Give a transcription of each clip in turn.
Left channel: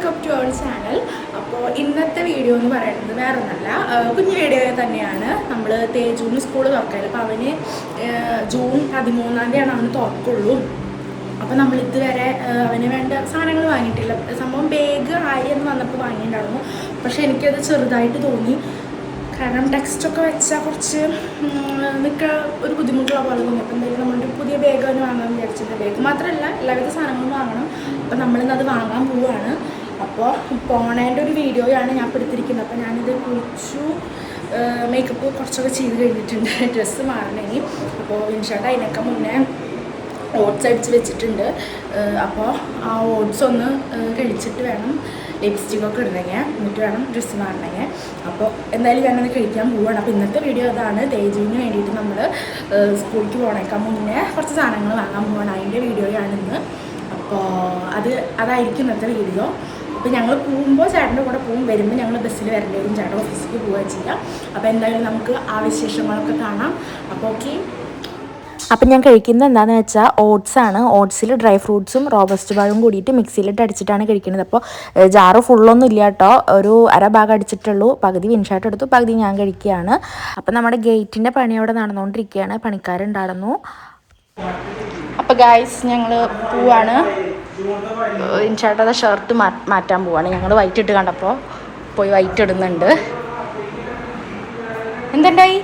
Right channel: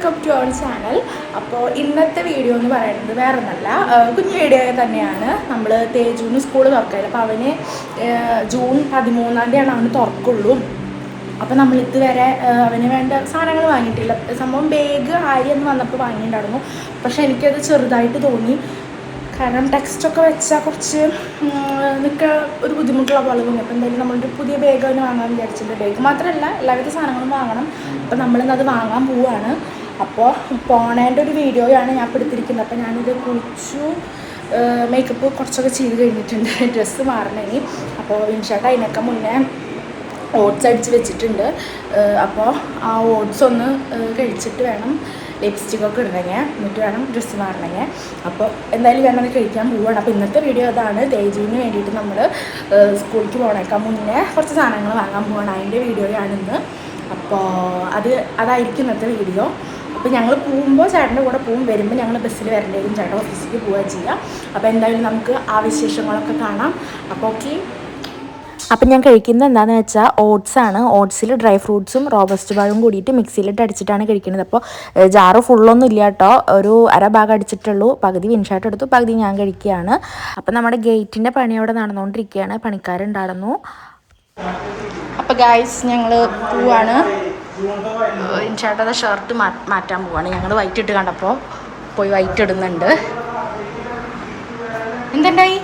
Welcome to our channel. അപ്പോൾ ഇന്നത്തെ video എന്ന് പറയുന്നത് വേറെ ഒന്നല്ല, കുഞ്ഞു വീഡിയോ തന്നെയാണ്. നമ്മൾ തേജുവിന് സ്കൂൾ തുറക്കില്ല. അപ്പോൾ അവന് ജൂൺ 13 അവന് തുറക്കുള്ളൂ. അപ്പോൾ നമ്മൾ ഇതുവരെ അവന് വേണ്ട സാധനങ്ങൾ വാങ്ങിയിട്ടില്ല. സംഭവം ബാഗ് ആയി എന്ന് വന്നപ്പോൾ വാങ്ങിയിട്ടുണ്ടായിരുന്നു. പക്ഷേ എനിക്കത് ചെറുതായിട്ട് തോന്നി. കാരണം ടെക്സ്റ്റൊക്കെ വെച്ചാൽ കുറച്ച് നിൽക്കുക ഒരു ബുദ്ധിമുട്ടുള്ള പോലെ തോന്നി. അപ്പോൾ എന്തായാലും നമ്മളൊരു പുതിയ ബാഗ് അവന് വാങ്ങാൻ വിചാരിച്ചിട്ടുണ്ട്. ബാഗ് മാത്രമല്ല എല്ലാവിധ സാധനങ്ങളും വാങ്ങണം. അപ്പോൾ നമ്മളിന്നത് വാങ്ങാൻ പോവുകയാണ്. അപ്പോൾ പോണേൻ്റെ ഒരു വീഡിയോയാണ് ഞാൻ ഇപ്പോൾ എടുത്തിരിക്കുന്നത്. അപ്പോൾ ഞാനിത് കുളിച്ചു, മേക്കപ്പ് കുറച്ചൊക്കെ ചെയ്ത് കഴിഞ്ഞിട്ടുണ്ട്, ഡ്രസ്സ് മാറണമെങ്കിൽ. അപ്പോൾ ഇൻഷാട്ട് അതിനൊക്കെ മുന്നേ ഓട്സ് അടിച്ച് വെച്ചിട്ടുണ്ട്. അപ്പോൾ ആ ഓട്സ് ഒന്ന് കഴിച്ചിട്ട് വേണം ലിപ്സ്റ്റിക്കൊക്കെ ഇടണമെങ്കിൽ, എന്നിട്ട് വേണം ഡ്രസ്സ് മാറണമെങ്കിൽ. അപ്പോൾ എന്തായാലും വേണമെന്ന് കഴിക്കാൻ പോവുകയാണ്. അപ്പോൾ ഇന്നത്തെ വീഡിയോ അതാണ്. തേജുവിന് വേണ്ടിയിട്ട് നമ്മൾ സ്കൂളിലേക്ക് പോകണേക്കാൻ മുന്നേ കുറച്ച് സാധനങ്ങൾ വാങ്ങാൻ പോകണം. അതിൻ്റെ വീഡിയോയാണ് ഇന്ന്. അപ്പോൾ അതായിരിക്കും ഇന്നത്തെ വീഡിയോ. അപ്പോൾ ഞങ്ങൾ പോകുമ്പോൾ ചേട്ടൻ്റെ കൂടെ പോകും, വരുമ്പോൾ ഞങ്ങൾ ബസ്സിൽ വരേണ്ടി വരും, ചേട്ടൻ ഓഫീസിലേക്ക് പോവുകയും ചെയ്യാം. അപ്പോൾ എന്തായാലും നമുക്ക് ആ വിശേഷങ്ങളൊക്കെ കാണാം. അപ്പോൾ ഓക്കെ. അപ്പം ഞാൻ കഴിക്കുന്നത് എന്താണെന്ന് വെച്ചാൽ ഓട്സാണ്. ഓട്സിൽ ഡ്രൈ ഫ്രൂട്ട്സും റോബസ്റ്റ് പഴവും കൂടിയിട്ട് മിക്സിയിലിട്ട് അടിച്ചിട്ടാണ് കഴിക്കുന്നത്. അപ്പോൾ ജാറ് ഫുള്ളൊന്നും ഇല്ല കേട്ടോ, ഒരു അര ഭാഗം അടിച്ചിട്ടുള്ളൂ. പകുതി വിൻഷാട്ട് എടുത്തു, പകുതി ഞാൻ കഴിക്കുകയാണ്. അപ്പം നമ്മുടെ ഗേറ്റിൻ്റെ പണി അവിടെ നടന്നുകൊണ്ടിരിക്കുകയാണ്, പണിക്കാരുണ്ടായിരുന്നു. അപ്പോൾ ഗായ്സ് ഞങ്ങൾ പോവാണ്. വിൻഷാട്ടത് ഷർട്ട് മാറ്റാൻ പോവാണ്. ഞങ്ങൾ വൈറ്റ് ഇട്ട് കണ്ടപ്പോൾ പോയി വൈറ്റ് ഇടുന്നുണ്ട്. എന്തുണ്ടായി?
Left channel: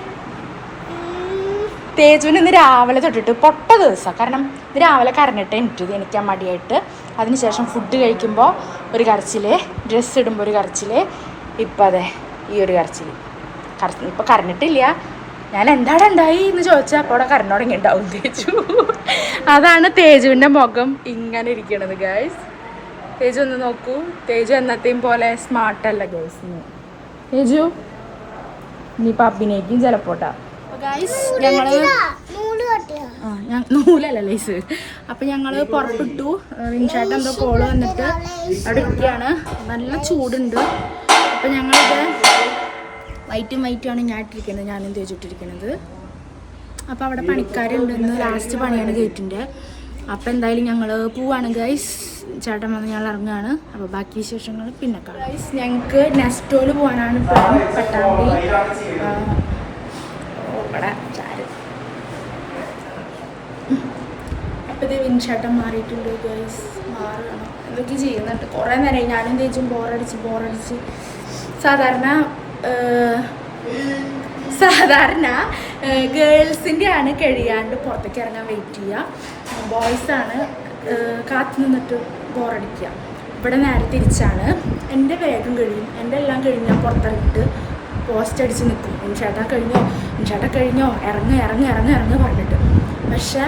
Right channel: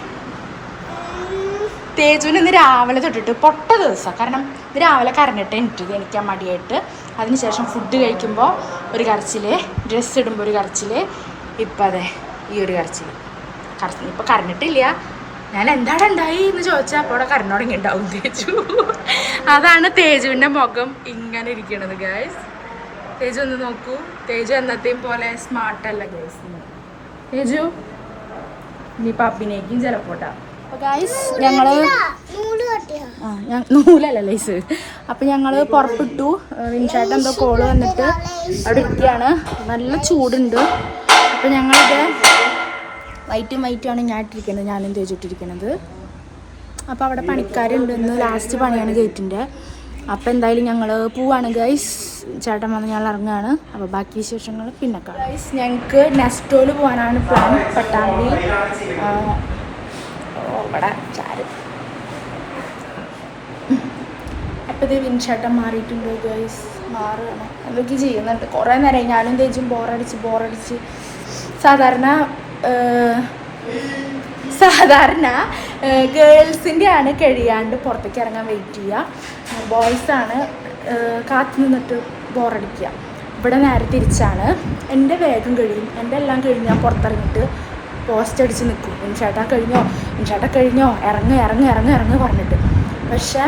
തേജുവിന് ഇന്ന് രാവിലെ തൊട്ടിട്ട് പൊട്ട ദിവസം. കാരണം ഇന്ന് രാവിലെ കരഞ്ഞിട്ട് എനിക്കാൻ മടിയായിട്ട്. അതിനുശേഷം ഫുഡ് കഴിക്കുമ്പോൾ ഒരു കരച്ചിൽ, ഡ്രസ്സ് ഇടുമ്പോൾ ഒരു കരച്ചിൽ, ഇപ്പം അതെ ഈ ഒരു കരച്ചിൽ. ഇപ്പോൾ കരഞ്ഞിട്ടില്ല. ഞാൻ എന്താണ് ഉണ്ടായി എന്ന് ചോദിച്ചാൽ അപ്പോൾ അവിടെ കരഞ്ഞു തുടങ്ങിയിട്ടുണ്ടാവും തേജു. അതാണ് തേജുവിൻ്റെ മുഖം ഇങ്ങനെ ഇരിക്കണത് ഗൈസ്. തേജു ഒന്ന് നോക്കൂ. തേജു എന്നത്തെയും പോലെ സ്മാർട്ടല്ല ഗൈസ്. തേജു ഇനിയിപ്പോൾ അഭിനയിക്കും ചിലപ്പോട്ടാ. ഗൈസ് ഞങ്ങൾ നൂലല്ല ലൈസ്. അപ്പം ഞങ്ങൾ പുറപ്പെട്ടു. വിൻഷാട്ട് എന്തോ കോള് വന്നിട്ട് അവിടെ ഇരിക്കുകയാണ്. നല്ല ചൂടുണ്ട്. അപ്പം ഞങ്ങളിത് വൈറ്റുമാണ് ഞാൻ ഇട്ടിരിക്കുന്നത്, ഞാനും തേച്ചിട്ടിരിക്കുന്നത്. അപ്പോൾ അവിടെ പണിക്കാരുണ്ട്. ഇന്ന് ലാസ്റ്റ് പണിയാണ് ഗേറ്റിൻ്റെ. അപ്പോൾ എന്തായാലും ഞങ്ങൾ പോവാണ് ഗൈസ്. ചേട്ടൻ വന്ന് ഞങ്ങൾ ഇറങ്ങുകയാണ്. അപ്പോൾ ബാക്കി വിശേഷങ്ങൾ പിന്നെ കാണാം ഗൈസ്. ഞങ്ങൾക്ക് നെസ്റ്റോയിൽ പോകാനാണ് പ്ലാൻ, പട്ടാമ്പി. ഇവിടെ ചാര്. അപ്പോൾ ഇത് വിൻഷാട്ടം മാറിയിട്ടുണ്ട് ഗൈസ്. മാറുകയാണ്, എന്തൊക്കെ ചെയ്യുന്നുണ്ട്. കുറേ നേരമായി ഞാനും തേച്ചും ബോറടിച്ച്. സാധാരണ ഗേൾസിൻ്റെ ആണ് കഴിയാണ്ട് പുറത്തേക്ക് ഇറങ്ങാൻ വെയിറ്റ് ചെയ്യുക. ബോയ്സാണ് കാത്തു നിന്നിട്ട് ബോറടിക്കുക. ഇവിടെ നേരെ തിരിച്ചാണ്. എൻ്റെ വേഗം കഴിയും, എൻ്റെ എല്ലാം കഴിഞ്ഞ് ഞാൻ പുറത്തിറങ്ങിയിട്ട് പോസ്റ്റ് അടിച്ച് നിൽക്കും. ഇൻഷാട്ടാ കഴിഞ്ഞോ ഇറങ്ങ് പറഞ്ഞിട്ട്. പക്ഷേ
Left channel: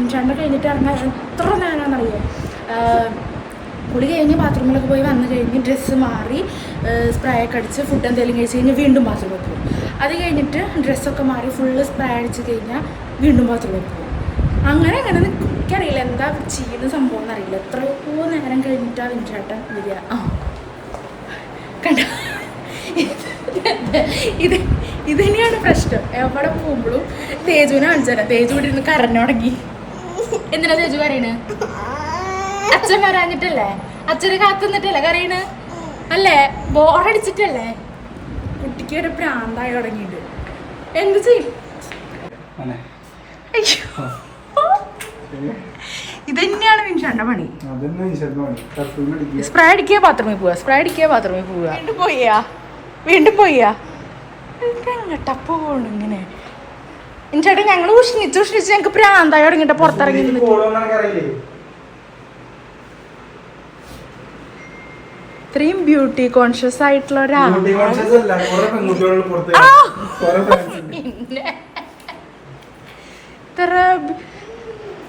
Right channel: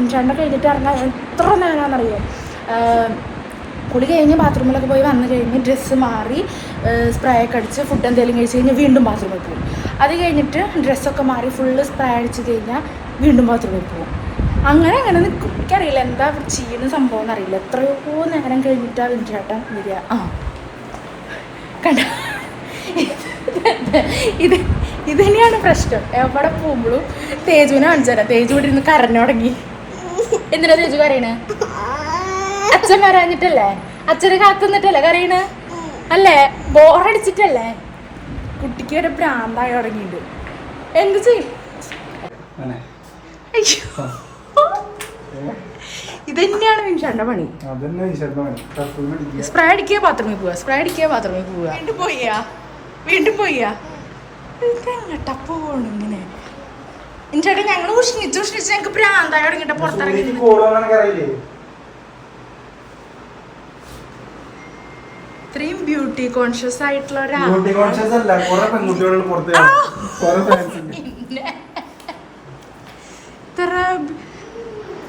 ഇൻഷാട്ടിനെ കഴിഞ്ഞിട്ട് ഇറങ്ങാൻ എത്ര നേരമാണെന്നറിയോ. കുളി കഴിഞ്ഞ് ബാത്റൂമിലൊക്കെ പോയി വന്നു കഴിഞ്ഞ് ഡ്രസ്സ് മാറി സ്പ്രേ ഒക്കെ അടിച്ച് ഫുഡ് എന്തെങ്കിലും കഴിച്ച് കഴിഞ്ഞാൽ വീണ്ടും ബാത്റൂമിൽ പോകും. അത് കഴിഞ്ഞിട്ട് ഡ്രസ്സൊക്കെ മാറി ഫുള്ള് സ്പ്രേ അടിച്ച് കഴിഞ്ഞാൽ വീണ്ടും ബാത്റൂമിൽ പോകും. അങ്ങനെ നിൽക്കും. എനിക്കറിയില്ല എന്താ ചെയ്യുന്ന സംഭവം എന്നറിയില്ല. എത്രയോ നേരം കഴിഞ്ഞിട്ടാണ് ഇൻഷാട്ടൻ വരിക. കണ്ട, ഇത് തന്നെയാണ് പ്രശ്നം. എവിടെ പോകുമ്പോഴും തേജുവിനെ കാണിച്ചാൽ തേജു ഇവിടെ ഇരുന്ന് കരഞ്ഞു തുടങ്ങി. എന്തിനാ തേജു കരയണേ? അച്ഛൻ വരാഞ്ഞിട്ടല്ലേ? അച്ഛനെ കാത്തുന്നിട്ടല്ലേ കരയണേ? അല്ലേ? ബോറടിച്ചിട്ടല്ലേ? കുട്ടിക്ക് ഒരു പ്രാന്തായി തുടങ്ങിയിട്ട് എന്ത് ചെയ്യും? ഇത് തന്നെയാണ് വിൻഷാന്റെ പണി. സ്പ്രേ അടിക്കുക ബാത്റൂമിൽ പോവുക. വീണ്ടും പോയാ ഇതെങ്ങട്ടാ പോണു ഇങ്ങനെ? ഇൻഷാട്ടെ ഞങ്ങൾ ഉഷ്ണിച്ച് ഞങ്ങൾക്ക് പ്രാന്തായി തുടങ്ങിയിട്ട് പുറത്തിറങ്ങി. ഇത്രയും ബ്യൂട്ടി കോൺഷ്യസ് ആയിട്ടുള്ള ഒരാൾ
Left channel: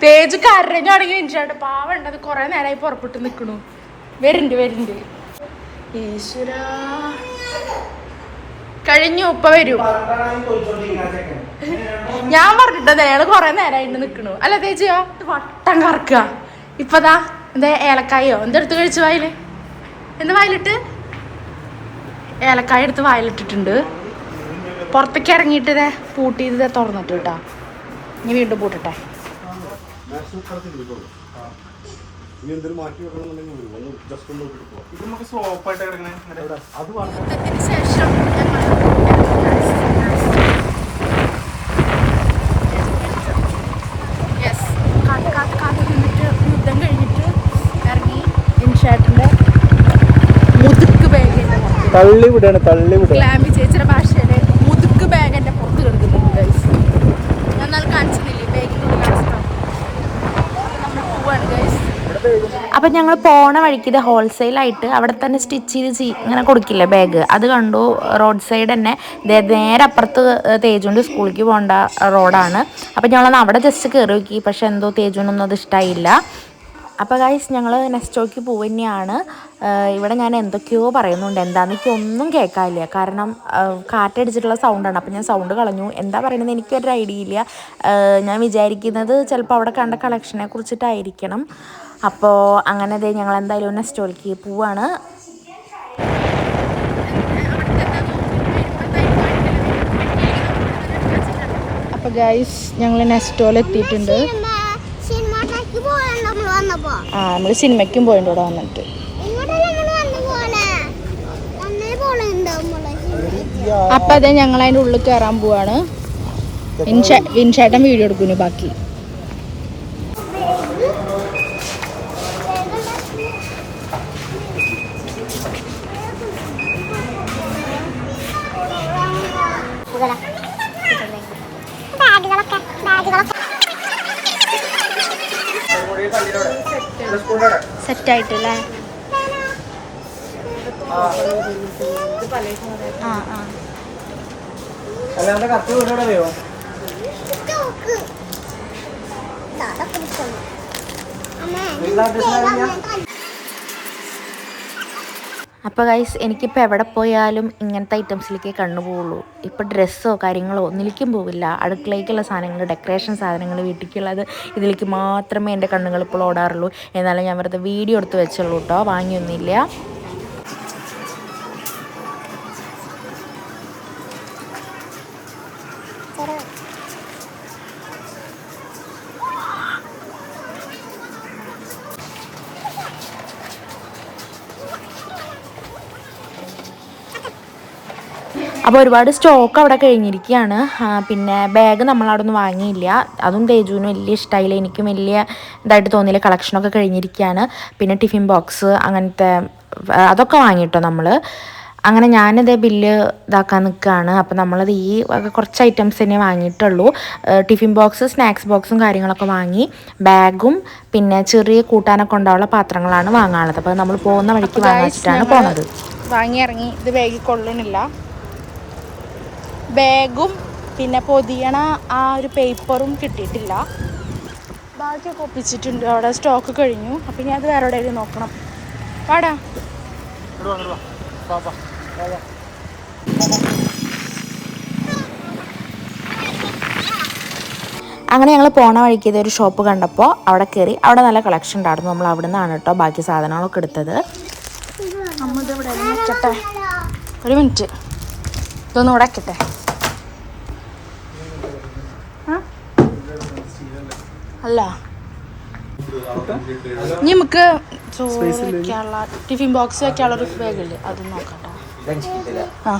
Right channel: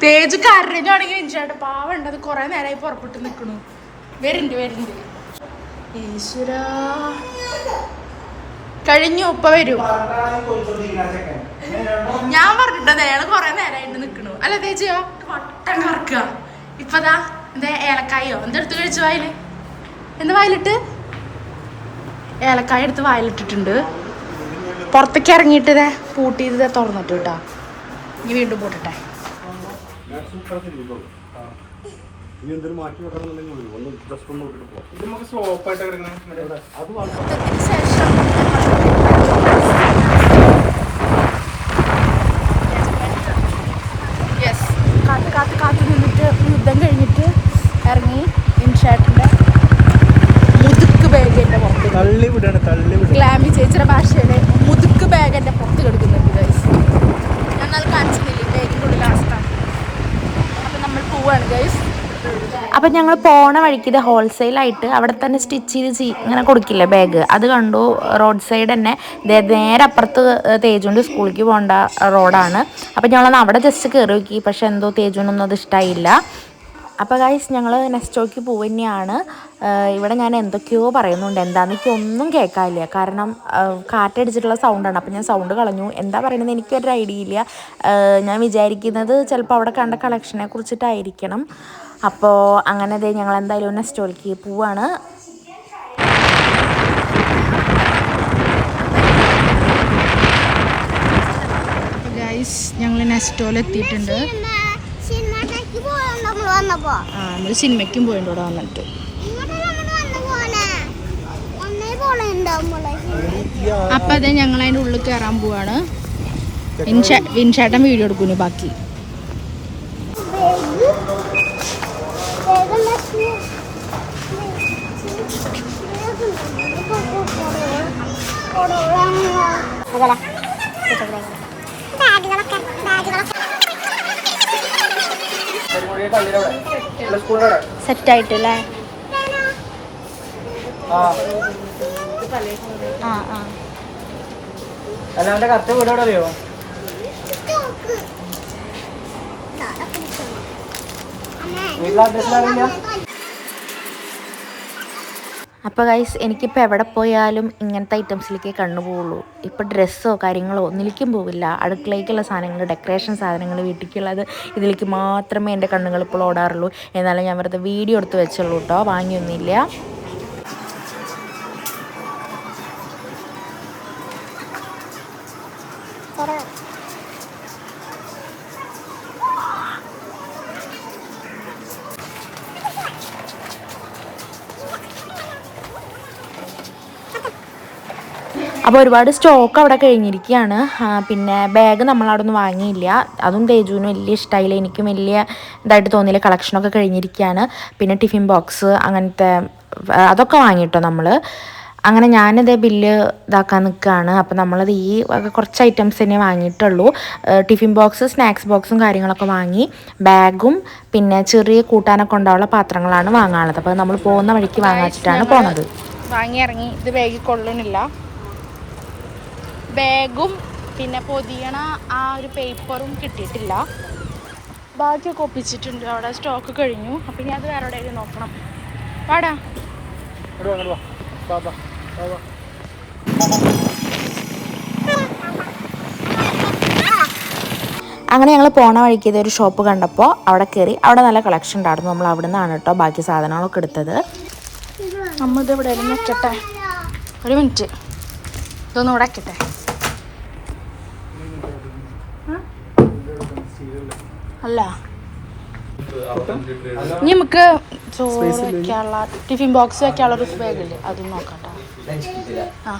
തേജ് കരഞ്ഞു തുടങ്ങി. ഇൻഷാട്ടെ പാവുണ്ട്, അത് കുറെ നേരമായി പുറപ്പെട്ട് നിൽക്കണു. വരുന്നുണ്ട്. ഈശ്വരാ കഴിഞ്ഞു. ഇപ്പ വരും. ഞാൻ പറഞ്ഞിട്ടത് അയാള് കൊറേ നേരമായിട്ട് നിക്കണു. അല്ല തേച്ചിയോ വട്ടം കറക്കുക. ഇപ്പതാ എന്താ ഏലക്കായോ എന്തെടുത്ത് കഴിച്ചു വായില്? എന്താ വായിലിട്ട്? ഏലക്കായ എടുത്ത് വായിലിട്ടിട്ടുണ്ട്. പുറത്തേക്ക് ഇറങ്ങിയിട്ട് ഇതേ പൂട്ടിയത് തുറന്നിട്ട് കേട്ടാ. ഇനി വീണ്ടും പൂട്ടട്ടെ. ഇനി എന്തെങ്കിലും മാറ്റി വെക്കണമെന്നുണ്ടെങ്കിൽ വരും ഒന്ന് ജസ്റ്റ് ഒന്ന് നോക്കിയിട്ട് പോകാം. ഇത് നമുക്ക് സ്ലോപ്പായിട്ട് കിടക്കണേ അത് മാറ്റാം. കാത്ത് നിന്നിട്ട് യുദ്ധം കഴിഞ്ഞിട്ട് ഇറങ്ങി ഇൻഷാട്ടിൻ്റെ മുതുക്ക് ബാഗ് എൻ്റെ പുറത്ത് ഗ്ലാമി ചേച്ചിയുടെ ഭാഷയുടെ മുതുക്ക് ബാഗ് എൻ്റെ പുറത്ത് കിടക്കുന്നുണ്ട് ഗൈസ്. ഒന്നത് കാണിച്ചില്ലേ ബാഗിൻ്റെ ഉള്ളിലെ അവസ്ഥ. അപ്പം നമ്മൾ പോവാണ് ഗൈസ്. അപ്പം ഞങ്ങൾ പോണ വഴിക്ക് ഇത് ഹോൾസെയിലായിട്ട് അവിടെ തന്നെ സ്റ്റിച്ച് ചെയ്ത് ഇങ്ങനെ കൊടുക്കില്ലേ ബാഗ്, അത് കണ്ടു. റോഡ് സൈഡ് തന്നെ നേരെ അപ്പുറത്ത് തേജുവിൻ്റെ സ്കൂളിലേക്ക് പോകേണ്ട റോഡാണ്. അപ്പം ഞങ്ങളൊന്ന് അവിടെ ജസ്റ്റ് കയറി നോക്കി, പക്ഷെ എന്തോ തേജുവിനൊന്നും അത് ഇഷ്ടമായില്ല. അപ്പോൾ ഗൈസ് ഞങ്ങൾ നെക്സ്റ്റോക്ക് പോവുക തന്നെയാണ്. ഇവിടെ ഞാൻ എന്തൊക്കെയോ പറയുന്നുണ്ട്, എന്താണെന്ന് എനിക്കൊന്നും കേൾക്കാനില്ല, കാരണം കാറ്റടിച്ചിട്ടുള്ള സൗണ്ടാണ്. അപ്പോൾ ഞാൻ സൗണ്ട് കളഞ്ഞു. എന്താ പറയുന്നത് എനിക്കൊരു ഐഡിയ ഇല്ല. ഞാൻ വിചാരിക്കുന്നത് ചിലപ്പോൾ അവിടെ കണ്ട കളക്ഷനെ കുറിച്ചിട്ടായിരിക്കണം. അപ്പോൾ അങ്ങനെ ഞങ്ങൾ എന്തായാലും നെക്സ്റ്റോക്ക് പോവാണ്. അപ്പോൾ ഗൈസ് ഞങ്ങൾ നെക്സ്റ്റോയിൽ എത്തിയിട്ടുണ്ട്. നമ്മൾ സിനിമയ്ക്കും പോയിട്ടുണ്ട് ഇവിടെ വന്നിട്ട്. അപ്പൊ അതെ ഞങ്ങൾ അതിൻ്റെ ഉള്ളിൽ കയറാൻ പോവാണ്. വിൻഷേട്ടൻ വീഡിയോ എടുക്കുന്നു ബാക്കി. സെറ്റായിട്ടല്ലേ? അപ്പോൾ ഗൈസ് എനിക്കിപ്പോൾ എവിടെ പോയാലും ഇങ്ങനത്തെ ഐറ്റംസിലേക്ക് കണ്ണു പോവുള്ളൂ. ഇപ്പോൾ ഡ്രസ്സോ കാര്യങ്ങളോ ഒന്നിലേക്കും പോവില്ല. അടുക്കളയ്ക്കുള്ള സാധനങ്ങൾ, ഡെക്കറേഷൻ സാധനങ്ങൾ, വീട്ടിലേക്കുള്ളത്, ഇതിലേക്ക് മാത്രമേ എൻ്റെ കണ്ണുകൾ ഇപ്പോൾ ഓടാറുള്ളൂ. എന്നാലും ഞാൻ വെറുതെ വീഡിയോ എടുത്ത് വെച്ചുള്ളൂ കേട്ടോ, വാങ്ങിയൊന്നുമില്ല. അപ്പോൾ ഒരുപാട് സ്റ്റോക്ക് അവിടെ കഴിഞ്ഞിരിക്കുകയാണ്. പിന്നെ ബാഗ് നമ്മളവിടെ ഒന്നും വാങ്ങിയില്ല. അതും തേജുവിനും വലിയ ഇഷ്ടമായില്ല, എനിക്കും വലിയ ഇതായിട്ട് തോന്നിയില്ല. കളക്ഷനൊക്കെ കഴിഞ്ഞിരിക്കുകയാണ്. പിന്നെ ടിഫിൻ ബോക്സ് അങ്ങനത്തെ അതൊക്കെ വാങ്ങിയിട്ടോ നമ്മൾ. അങ്ങനെ ഞാനിതേ ബില്ല് ഇതാക്കാൻ നിൽക്കുകയാണ്. അപ്പോൾ നമ്മളത് ഈ കുറച്ച് ഐറ്റംസ് തന്നെ വാങ്ങിയിട്ടുള്ളൂ. ടിഫിൻ ബോക്സ്, സ്നാക്സ് ബോക്സും കാര്യങ്ങളൊക്കെ വാങ്ങി. ബാഗും പിന്നെ ചെറിയ കൂട്ടാനൊക്കെ ഉണ്ടാവുള്ള പാത്രങ്ങളാണ് വാങ്ങാനുള്ളത്. അപ്പോൾ നമ്മൾ പോകുന്ന വഴിക്ക് വാങ്ങിച്ചിട്ടാണ് പോണത്. വാങ്ങി ഇറങ്ങി. ഇത് ബാഗിൽ കൊള്ളണില്ല. ബാഗും പിന്നെ പൊതിയണ ആ ഒരു പേപ്പറും കിട്ടിയിട്ടില്ല. ബാക്കിയൊക്കെ ഒപ്പിച്ചിട്ടുണ്ട്. അവിടെ സ്റ്റോക്ക് കഴിഞ്ഞു. അപ്പം ഞാൻ അത് വേറെ എവിടെയെങ്കിലും നോക്കണം. വാടാ. അങ്ങനെ ഞങ്ങൾ പോണ വഴിക്ക് ഇതൊരു ഷോപ്പ് കണ്ടപ്പോൾ അവിടെ കയറി. അവിടെ നല്ല കളക്ഷൻ ഉണ്ടായിരുന്നു. നമ്മൾ അവിടെ നിന്നാണ് കേട്ടോ ബാക്കി സാധനങ്ങളൊക്കെ എടുത്തത്. നമ്മൾ ഇത് ഇവിടെ വെക്കട്ടെ, ഒരു മിനിറ്റ്, ഇതൊന്നും ഇവിടെ വെക്കട്ടെ. അല്ല ഇനി നമുക്ക് ചോറ് വെക്കാനുള്ള ടിഫിൻ ബോക്സ് വെക്കാനുള്ള ഒരു ബാഗില്ലേ, അതും നോക്കട്ടെ. ആ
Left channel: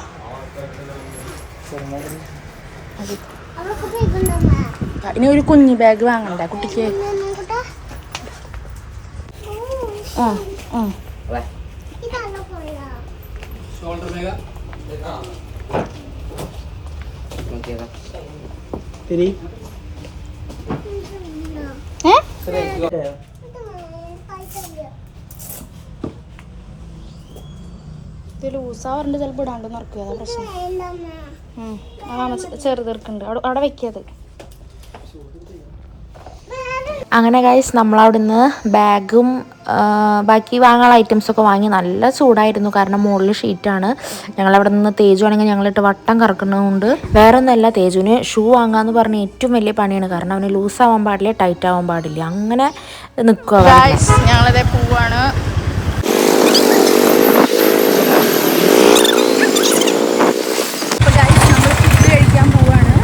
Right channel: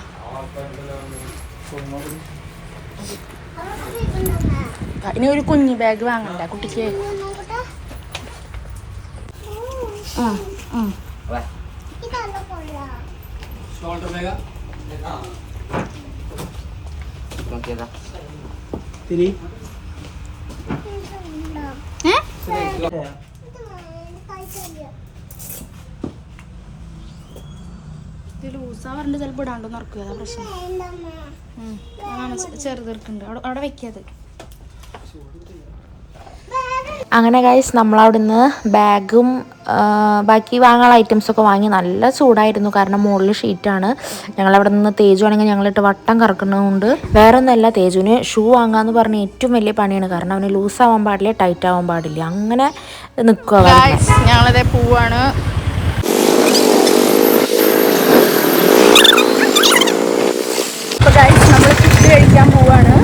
ഇനി ഒരു കുഞ്ഞു ബാഗ് വാങ്ങണ്ടേ കുട്ടിക്ക്? ഇത് ലൂസാവാറുണ്ട്, ചിലപ്പോൾ ഇടാണ്ട് നടക്കുക. അതാ പ്രശ്നം. ചെറുതെടുക്കുന്നുണ്ട് അവിടെ വെക്കിയത്. അങ്ങനെ ഗൈസ് നമ്മളവിടുന്ന് ബാഗും ബാക്കി വാങ്ങാനുള്ള ഐറ്റംസൊക്കെ വാങ്ങി. നല്ല ചൂടായിരുന്നു, കാരണം മുകളിൽ ഷീറ്റാണ്. ഞങ്ങളവിടെ നിന്ന് തേജു ആണെങ്കിൽ ഞങ്ങളിട്ട് വട്ടം കറക്കുന്നതുകൊണ്ട്. വേറെ ഒന്നുമല്ല, തേജുവിന് ഷൂ വാങ്ങാമെന്ന് പറഞ്ഞ ഏറ്റവും വലിയ പണിയാണ്. കാരണം അവന് ലൂസാവാൻ പാടില്ല, ടൈറ്റ് ആവാൻ പാടില്ല, അങ്ങനെ നിൽക്കുക. ഞങ്ങളതേ പോവാണ്. അപ്പോൾ ഗൈസ് നമ്മൾ ഫുഡ് കഴിക്കാൻ പോവാണ്.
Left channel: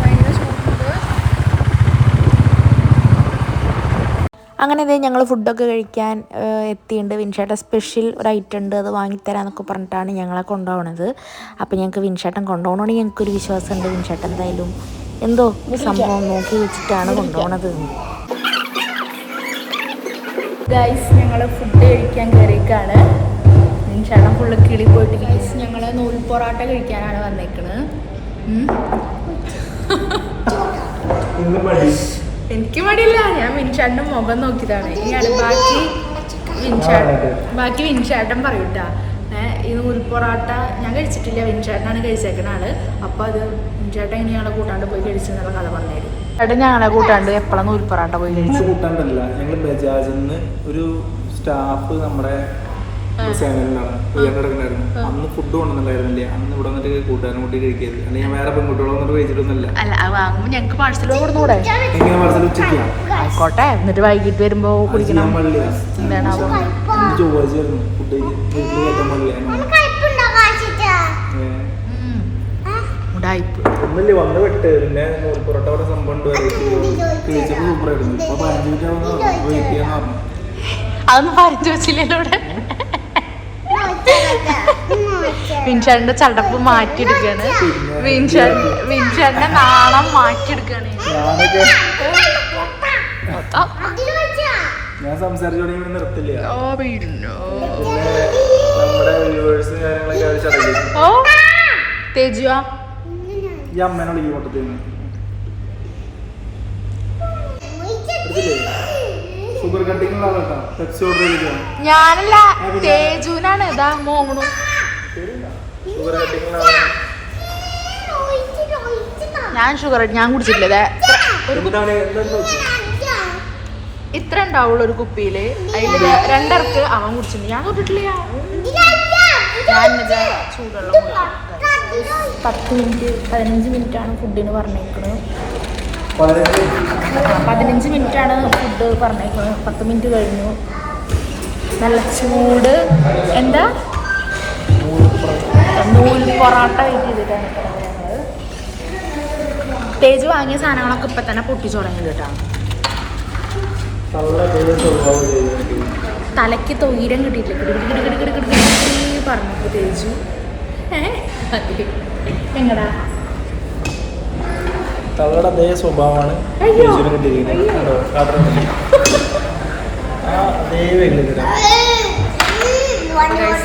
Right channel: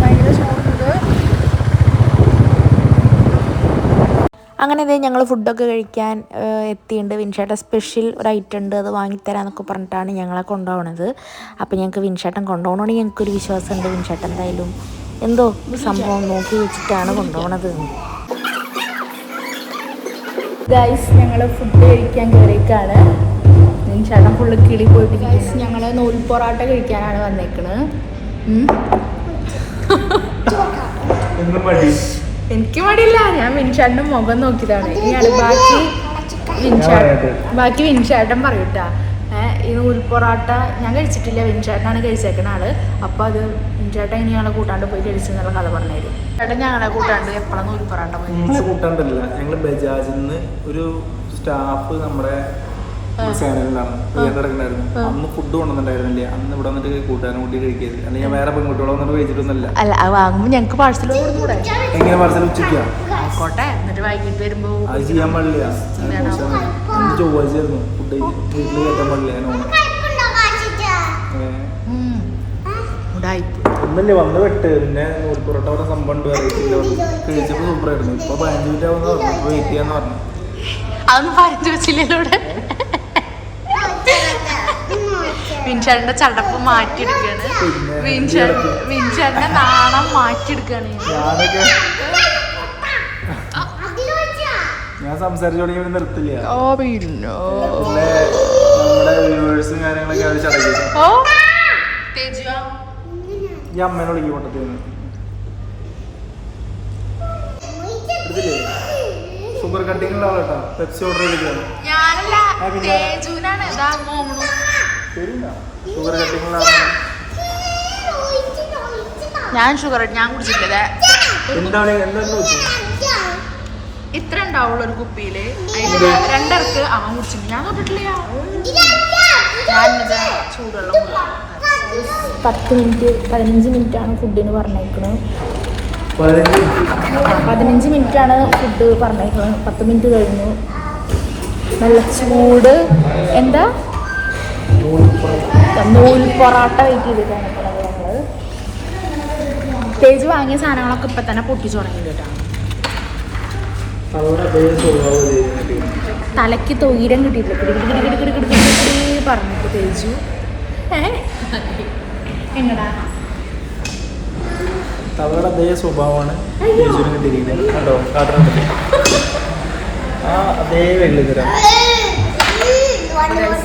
ഭയങ്കര ചൂടുണ്ട്. അങ്ങനെ ഇതേ ഞങ്ങൾ ഫുഡൊക്കെ കഴിക്കാൻ എത്തിയിട്ടുണ്ട്. വിൻഷേട്ടൻ സ്പെഷ്യൽ ഒരു ഐറ്റം ഉണ്ട്, അത് വാങ്ങിത്തരാമെന്നൊക്കെ പറഞ്ഞിട്ടാണ് ഞങ്ങളെ കൊണ്ടുപോകണത്. അപ്പോൾ ഞങ്ങൾക്ക് വിൻഷേട്ടൻ കൊണ്ടുപോകണമെങ്കിൽ ഞങ്ങൾക്കൊരു വിശ്വാസമുണ്ട്. വിൻഷേട്ടൻ എന്തായാലും എന്തോ സംഭവം നോക്കി വെച്ചിട്ടാണ് കൊണ്ടുപോകണത്. ഗൈസ് ഞങ്ങൾ ഫുഡ് കഴിക്കാൻ കയറിയേക്കാണ്. വിൻഷേട്ടൻ ഫുള്ള് കിളി പോയിട്ട് ഗൈസ് ഞങ്ങൾ നൂൽ പൊറാട്ട കഴിക്കാനാണ് വന്നേക്കണത്. എനിക്ക് മടിയില്ല, ഞാൻ വിൻഷേട്ടൻ്റെ മുഖം നോക്കിയതാണ്. ഇനിയാണ് ബാക്കി വിൻഷേട്ടൻ പറയൂട്ടാ. ഈ നൂൽ പൊറാട്ട ഞാൻ കഴിച്ചിട്ടില്ല, വിൻഷേട്ടനാണ് കഴിച്ചേക്കണ ആള്. അപ്പോൾ അത് വിൻഷേട്ടൻ ഇനി ഞങ്ങളെ കൂട്ടാണ്ട് പോയി കഴിച്ചെന്നുള്ള കഥ പറഞ്ഞുതരും. ചേട്ടൻ ഞങ്ങളെ കൂട്ടാണ്ട് എപ്പോഴാണ് നൂൽ പൊറാട്ട പോയി കഴിച്ചത്? കൂട്ടാണ്ടല്ല, ഞങ്ങൾ ബജാജിൽ നിന്ന് ഒരു സ്റ്റാഫ് നമ്മുടെ സേവനത്തിലായിരുന്നു. അന്ന് ഫുഡ് കൊണ്ടുവന്നിട്ടുണ്ടായിരുന്നില്ല. അന്ന് ഇവിടെ വന്നിട്ട് കൂട്ടുകാരൻ കൂട്ടി കഴിക്കരുത്, അല്ലെങ്കിൽ ഞാൻ വേറെ പെൺകുട്ടികളെ വന്നിട്ട് കഴിച്ചിട്ടൊന്നുമില്ല. അല്ല അത് വാങ്ങുമ്പോൾ ഞങ്ങൾക്ക് പാഴ്സൽ കൊടുന്നുകൂടെ? എങ്ങനെ പാഴ്സൽ ഉച്ചയ്ക്കാ? ആയിക്കോട്ടെ, എന്നിട്ട് വൈകിട്ട് വരുമ്പോ ചെയ്യാൻ പാടില്ല. അന്ന് ചൊവ്വാഴ്ചയായിരുന്നു ഫുഡ് വീട്ടിൽ കയറ്റാൻ പാടില്ല. ഒന്നുമില്ല, വന്ന് വിട്ട് പിന്നെ നൂൽ പൊറോട്ട അവിടെ സംഭവം ഉണ്ട് കഴിച്ചപ്പോൾ സൂപ്പറായിരുന്നു. ഇപ്പൊ 15 മിനിറ്റ് ആവുന്ന പറഞ്ഞു, ഇപ്പൊ വെയിറ്റ് ചെയ്യാന്ന് പറഞ്ഞു. അതൊന്നും പറഞ്ഞു വെച്ചില്ലല്ലോ ഇവിടെ. വിൻഷേട്ടന്റെ ചടപ്പ് മാറ്റിയെടുക്കാണ്, വിൻഷേട്ടന്റെ നാണം മാറ്റിയെടുക്കാണ്. ഞാനൊക്കെ ഞാൻ സംസാരിച്ചോടെ നിർത്തില്ല. നമ്മുടെ വ്യൂവേഴ്സും കാര്യങ്ങളൊക്കെ അവർ ചടങ്ങി. തേജുവാ ഈ അമ്മേനെ വിളിക്കും പൊട്ടത്തേന്ന്. എടുത്തില്ലേ? ഷുഗർ കട്ടിങ് ഉള്ള ആളാ. പെപ്സി ഓർഡർ ചെയ്തിട്ടാണ്. ഞാനല്ല, തേജുവിനാണ്. ഇതാ മോങ്ങണു. ഷുഗർ കട്ടിങ് ഞാൻ ഷുഗർ ഞാൻ കുടിച്ചിട്ടില്ല. ഇത്ര ഉണ്ടാവുള്ളൂ ഒരു കുപ്പിയില്. അതിൽ 2 ഇറക്ക് അവൻ കുടിച്ചിട്ടുണ്ട്, ഞാൻ തൊട്ടിട്ടില്ല. ഞാനിത് ചൂടുവെള്ളം കുടിക്കും. 10 മിനിറ്റ് 15 മിനിറ്റാണ് ഫുഡിന് പറഞ്ഞേക്കുന്നത്. 15 മിനിറ്റാണ് ഫുഡ് പറഞ്ഞേക്കുന്നത്. 10 മിനിറ്റ് കഴിഞ്ഞു. നല്ല ചൂട് എന്താ നൂൽ പൊറാട്ട വെയിറ്റ് ചെയ്തിട്ടാണ് നിൽക്കുന്നത് ഞങ്ങൾ. തേജ് വാങ്ങിയ സാധനങ്ങളൊക്കെ ഇപ്പം തന്നെ പൊട്ടിച്ചു തുടങ്ങിയിട്ടാണ്. തലയ്ക്ക് തൊയിരം കിട്ടിയിട്ടില്ല. കിടി പറഞ്ഞിട്ട് തേജു എങ്ങടാ തവളുടെ അതേ സ്വഭാവമാണ് തേജുവിനെ കിട്ടിയിരിക്കുന്നത്. കണ്ടോ? അതേ വെള്ളിത്തരം.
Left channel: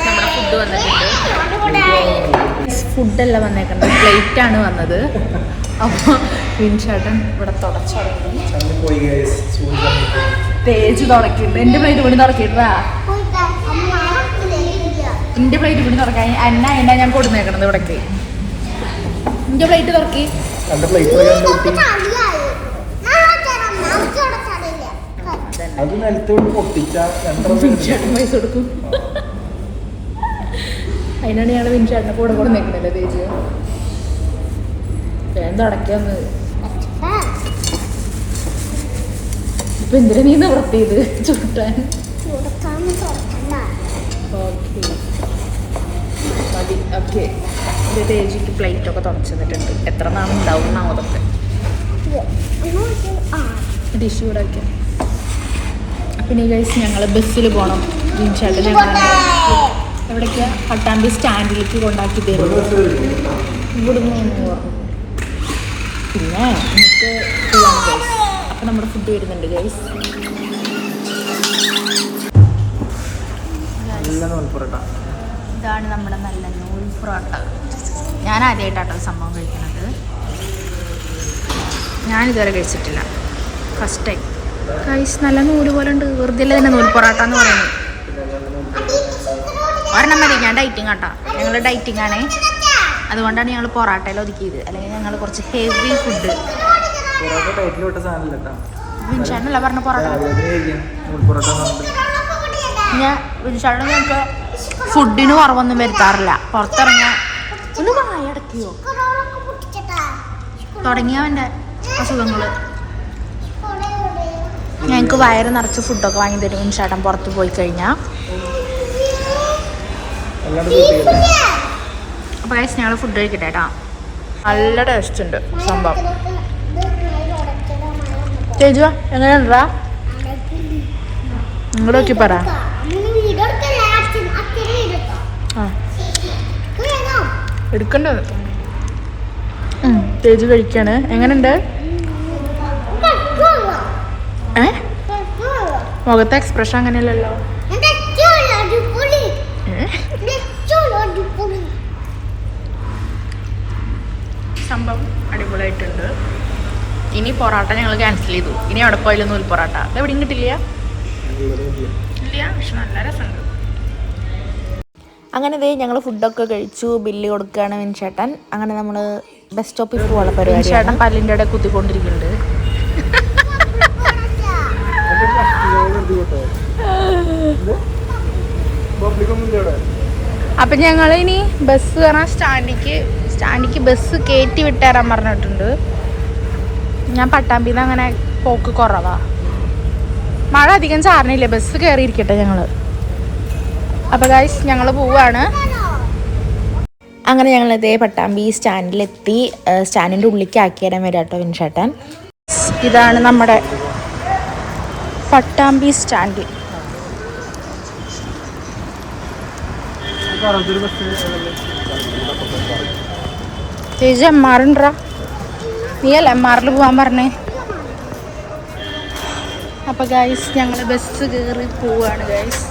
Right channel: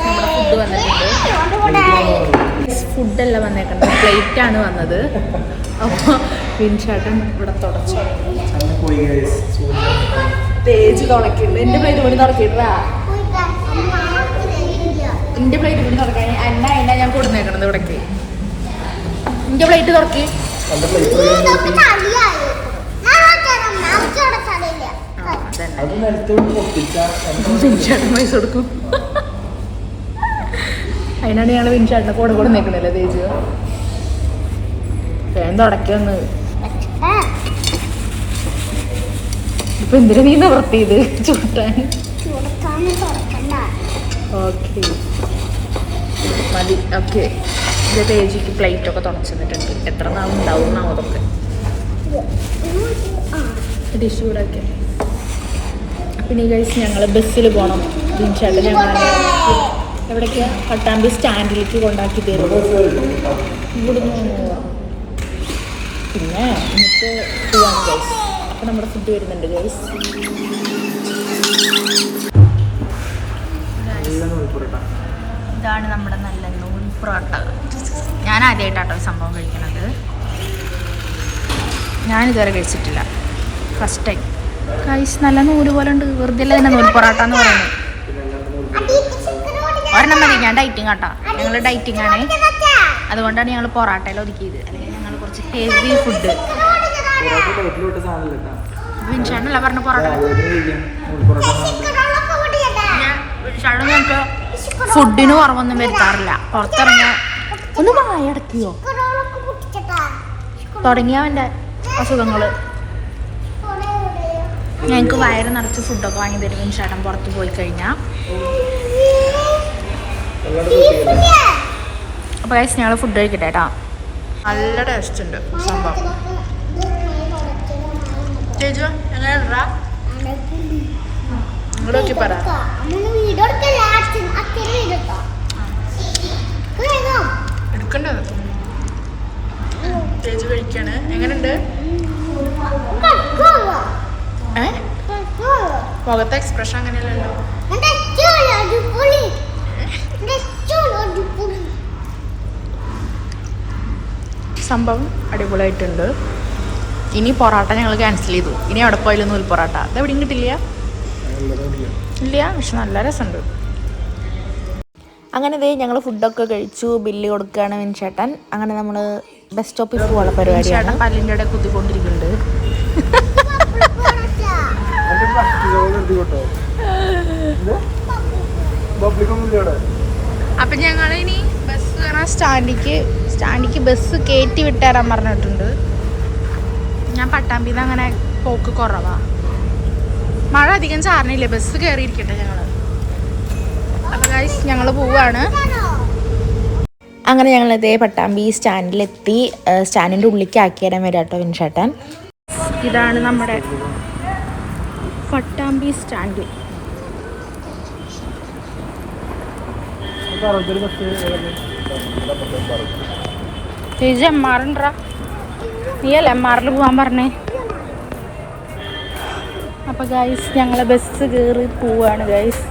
നമ്മുടെ ഫുഡ് വന്നിട്ടുണ്ട്. ഫുഡല്ല വന്നേക്കണ്ടത്, പ്ലേറ്റാണ് വന്നത്. അപ്പോൾ വിൻഷേട്ടൻ ഇവിടെ തുടച്ചു. തേജ് തുടക്കില്ല. എൻ്റെ പ്ലേറ്റ് കൊണ്ട് തുടക്കിട്ടാ. എൻ്റെ പ്ലേറ്റ് കൊണ്ട് തുറക്കാൻ അന്ന ഞാൻ കൊടുന്നേക്കണത് ഇവിടേക്ക്. എൻ്റെ പ്ലേറ്റ് തുറക്കി. പൈസ കൊടുക്കും. അതിനാണ് ഞങ്ങൾ വിൻഷേട്ടനെ കൂടെ നിൽക്കുന്നില്ല. തേജ് വേഗം തുടക്കിയൊന്ന്. ഇപ്പൊ എന്തിനാ നീ നിവർത്തിയത്? ചുട്ടാൻ. ഓക്കെ മതി. ഓക്കെ ഇത് തേജിക്ക് പ്ലേറ്റൊക്കെ തുറച്ചു തന്നിട്ടുണ്ട്. എത്ര നാളുണ്ടാവും അതൊക്കെ ഡിഷ് കൂടെ വയ്ക്കാം. പിന്നെ ഈ കഴിച്ച് ഞങ്ങൾ ബസ്സിൽ പോകണം. വിൻഷേട്ടൻ ഞങ്ങളെ എവിടേക്കാ? പട്ടാമ്പി സ്റ്റാൻഡിലേക്ക് കൊണ്ടാക്കി തരും. ഇവിടുന്ന് പറഞ്ഞു. പിന്നെ എന്നിട്ട് പോവാണ് ഗൈസ്. അപ്പം നമ്മുടെ ഫുഡ് വരുന്നുണ്ട് ഗൈസ്. ഇതാണ് നമ്മുടെ നല്ല നൂൽ പൊറോട്ട. ഞാൻ ആദ്യമായിട്ടാട്ടോ സംഭവം കഴിക്കണത്. ഞാനിതുവരെ കഴിച്ചിട്ടില്ല, ഫസ്റ്റ് ടൈം. ഗൈസ് നല്ല നൂല് പോലെ ഉണ്ട്. വെറുതെ അല്ല തന്നെ നൂൽ പൊറോട്ട എന്ന് പറയുന്നത്. ഒരെണ്ണം മതി. ഞാൻ ഡയറ്റിങ് ആട്ടാ. ഞങ്ങൾ ഡയറ്റിംഗ് ആണേ, അതുകൊണ്ടാണ് ഞങ്ങൾ പൊറോട്ടയിൽ ഒതുക്കിയത്. അല്ലെങ്കിൽ ഞങ്ങൾ കുറച്ച് ഹെവി ഫുഡ്. വിൻഷാട്ടനല്ല പറഞ്ഞ പൊറോട്ട. പിന്നെ വിൻഷാട്ടൻ ഞങ്ങൾക്ക് ഫുഡിന് കുറവൊന്നും വരുത്താറില്ല. പുറത്തിറങ്ങിയ തുടങ്ങിയവൻ്റെ അസുഖങ്ങൾ. ഞങ്ങൾക്ക് വയറ് നിറച്ച് ഫുഡൊക്കെ വാങ്ങി തരും വിൻഷാട്ടൻ പുറത്ത് പോയി കഴിഞ്ഞാൽ. അപ്പോൾ ഗൈസ് ഞങ്ങൾ ഫുഡ് കഴിക്കട്ടെ കേട്ടോ. നല്ല ടേസ്റ്റ് ഉണ്ട് സംഭവം. ചേച്ചി എങ്ങനെയുണ്ടാ? ഇങ്ങോട്ട് നോക്കി പറ. എടുക്കണ്ടത് തേജ് കഴിക്കാണ്. എങ്ങനെയുണ്ട്? മുഖത്തെ എക്സ്പ്രഷൻ അങ്ങനെയല്ലല്ലോ. സംഭവം അടിപൊളിയായിട്ടുണ്ട്. ഇനി പൊറാട്ട ഞങ്ങൾ ക്യാൻസൽ ചെയ്തു. ഇനി അവിടെ പോയാലും നൂൽ പൊറാട്ട അത് എവിടെയും കിട്ടില്ല. ഇല്ല, പക്ഷെ നല്ല രസമുണ്ട്. അങ്ങനെ ഇതേ ഞങ്ങൾ ഫുഡൊക്കെ കഴിച്ചു. ബില്ല് കൊടുക്കുകയാണ് വിൻചേട്ടൻ. അങ്ങനെ നമ്മൾ ബസ് സ്റ്റോപ്പിൽ പോകാനുള്ള പരിപാടിയാണ്. ചേട്ടൻ പല്ലിൻ്റെ ഇടയിൽ കുത്തിക്കൊണ്ടിരിക്കുന്നുണ്ട്. അപ്പം ഞങ്ങൾ ഇനി ബസ് കയറാൻ സ്റ്റാൻഡിക്ക് ബസ് കയറ്റി വിട്ടുതരാൻ പറഞ്ഞിട്ടുണ്ട്. ഞാൻ പട്ടാമ്പിന്ന് അങ്ങനെ പോക്ക് കുറവാ. മഴ അധികം ചാർന്നില്ലേ, ബസ് കയറിയിരിക്കട്ടെ ഞങ്ങൾ. അപ്പോൾ ഗൈസ് ഞങ്ങൾ പോവാണ്. അങ്ങനെ ഞങ്ങൾ ഇതേ പട്ടാമ്പി സ്റ്റാൻഡിലെത്തി. സ്റ്റാൻഡിൻ്റെ ഉള്ളിലേക്ക് ആക്കി തരാൻ വരാം കേട്ടോ വിൻചേട്ടൻ. ഇതാണ് നമ്മുടെ പട്ടാമ്പി സ്റ്റാൻഡ്. ചേച്ചി MR ഉണ്ടോ? നീയല്ല MRൽ പോകാൻ പറഞ്ഞേ. അപ്പോൾ ഗൈസ് ഞങ്ങൾ ബസ് കയറി പോവാണ് ഗൈസ്.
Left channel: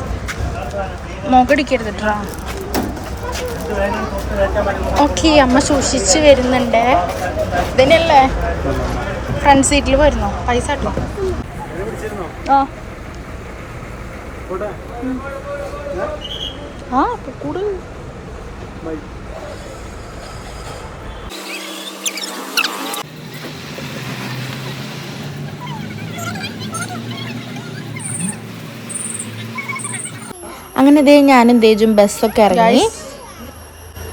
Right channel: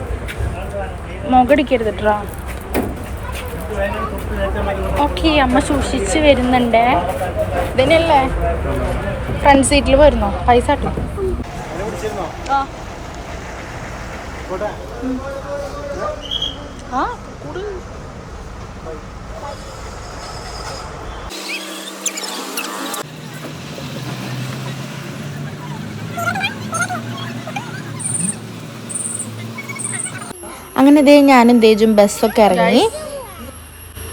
മുഖടിക്കരുതിട്ടാ. ഓക്കെ, അമ്മ സൂക്ഷിച്ച് വരുന്നുണ്ട്. ഇതിനല്ലേ ഫ്രണ്ട് സീറ്റിൽ വരുന്നോ? പൈസ കേട്ടോ. ആ കൂടെ അങ്ങനെ ഇതേ ഞാനും തേജും ബസ്സൊക്കെ ഇറങ്ങി.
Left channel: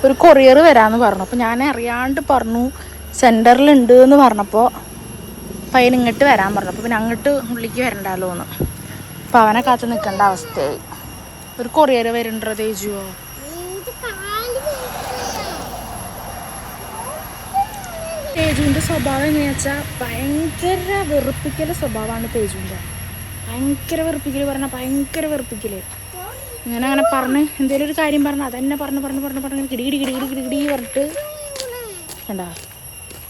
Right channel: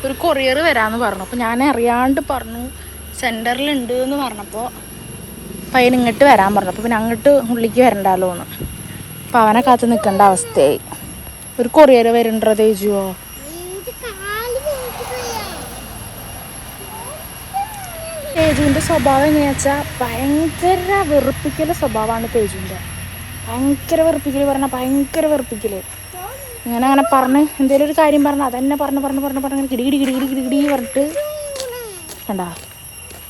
ഒരു കൊറിയർ വരാമെന്ന് പറഞ്ഞു. അപ്പോൾ ഞാൻ അറിയാണ്ട് പറഞ്ഞു സെൻറ്ററിലുണ്ട് എന്ന് പറഞ്ഞപ്പോൾ പയ്യൻ ഇങ്ങോട്ട് വരാൻ പറഞ്ഞു. അപ്പോൾ പിന്നെ അങ്ങോട്ട് ഉള്ളിലേക്ക് വരണ്ടല്ലോ എന്ന്. അപ്പോൾ അവനെ കാത്ത് നിൽക്കേണ്ട അവസ്ഥയായി. ഒരു കൊറിയർ വരുന്നുണ്ടോ തേജുവോ? തേജുവിൻ്റെ സ്വഭാവം എങ്ങനെയാ വെച്ചാൽ ഭയങ്കര വെറുപ്പിക്കൽ സ്വഭാവമാണ് തേജുവിൻ്റെ. ഭയങ്കര വെറുപ്പിക്കൽ പറഞ്ഞാൽ ഭയങ്കര വെറുപ്പിക്കൽ. ഇങ്ങനെ അങ്ങനെ പറഞ്ഞ് എന്തെങ്കിലും ഒരു കാര്യം പറഞ്ഞാൽ അതന്നെ പറഞ്ഞ് കിടി പറഞ്ഞിട്ട് കണ്ടാ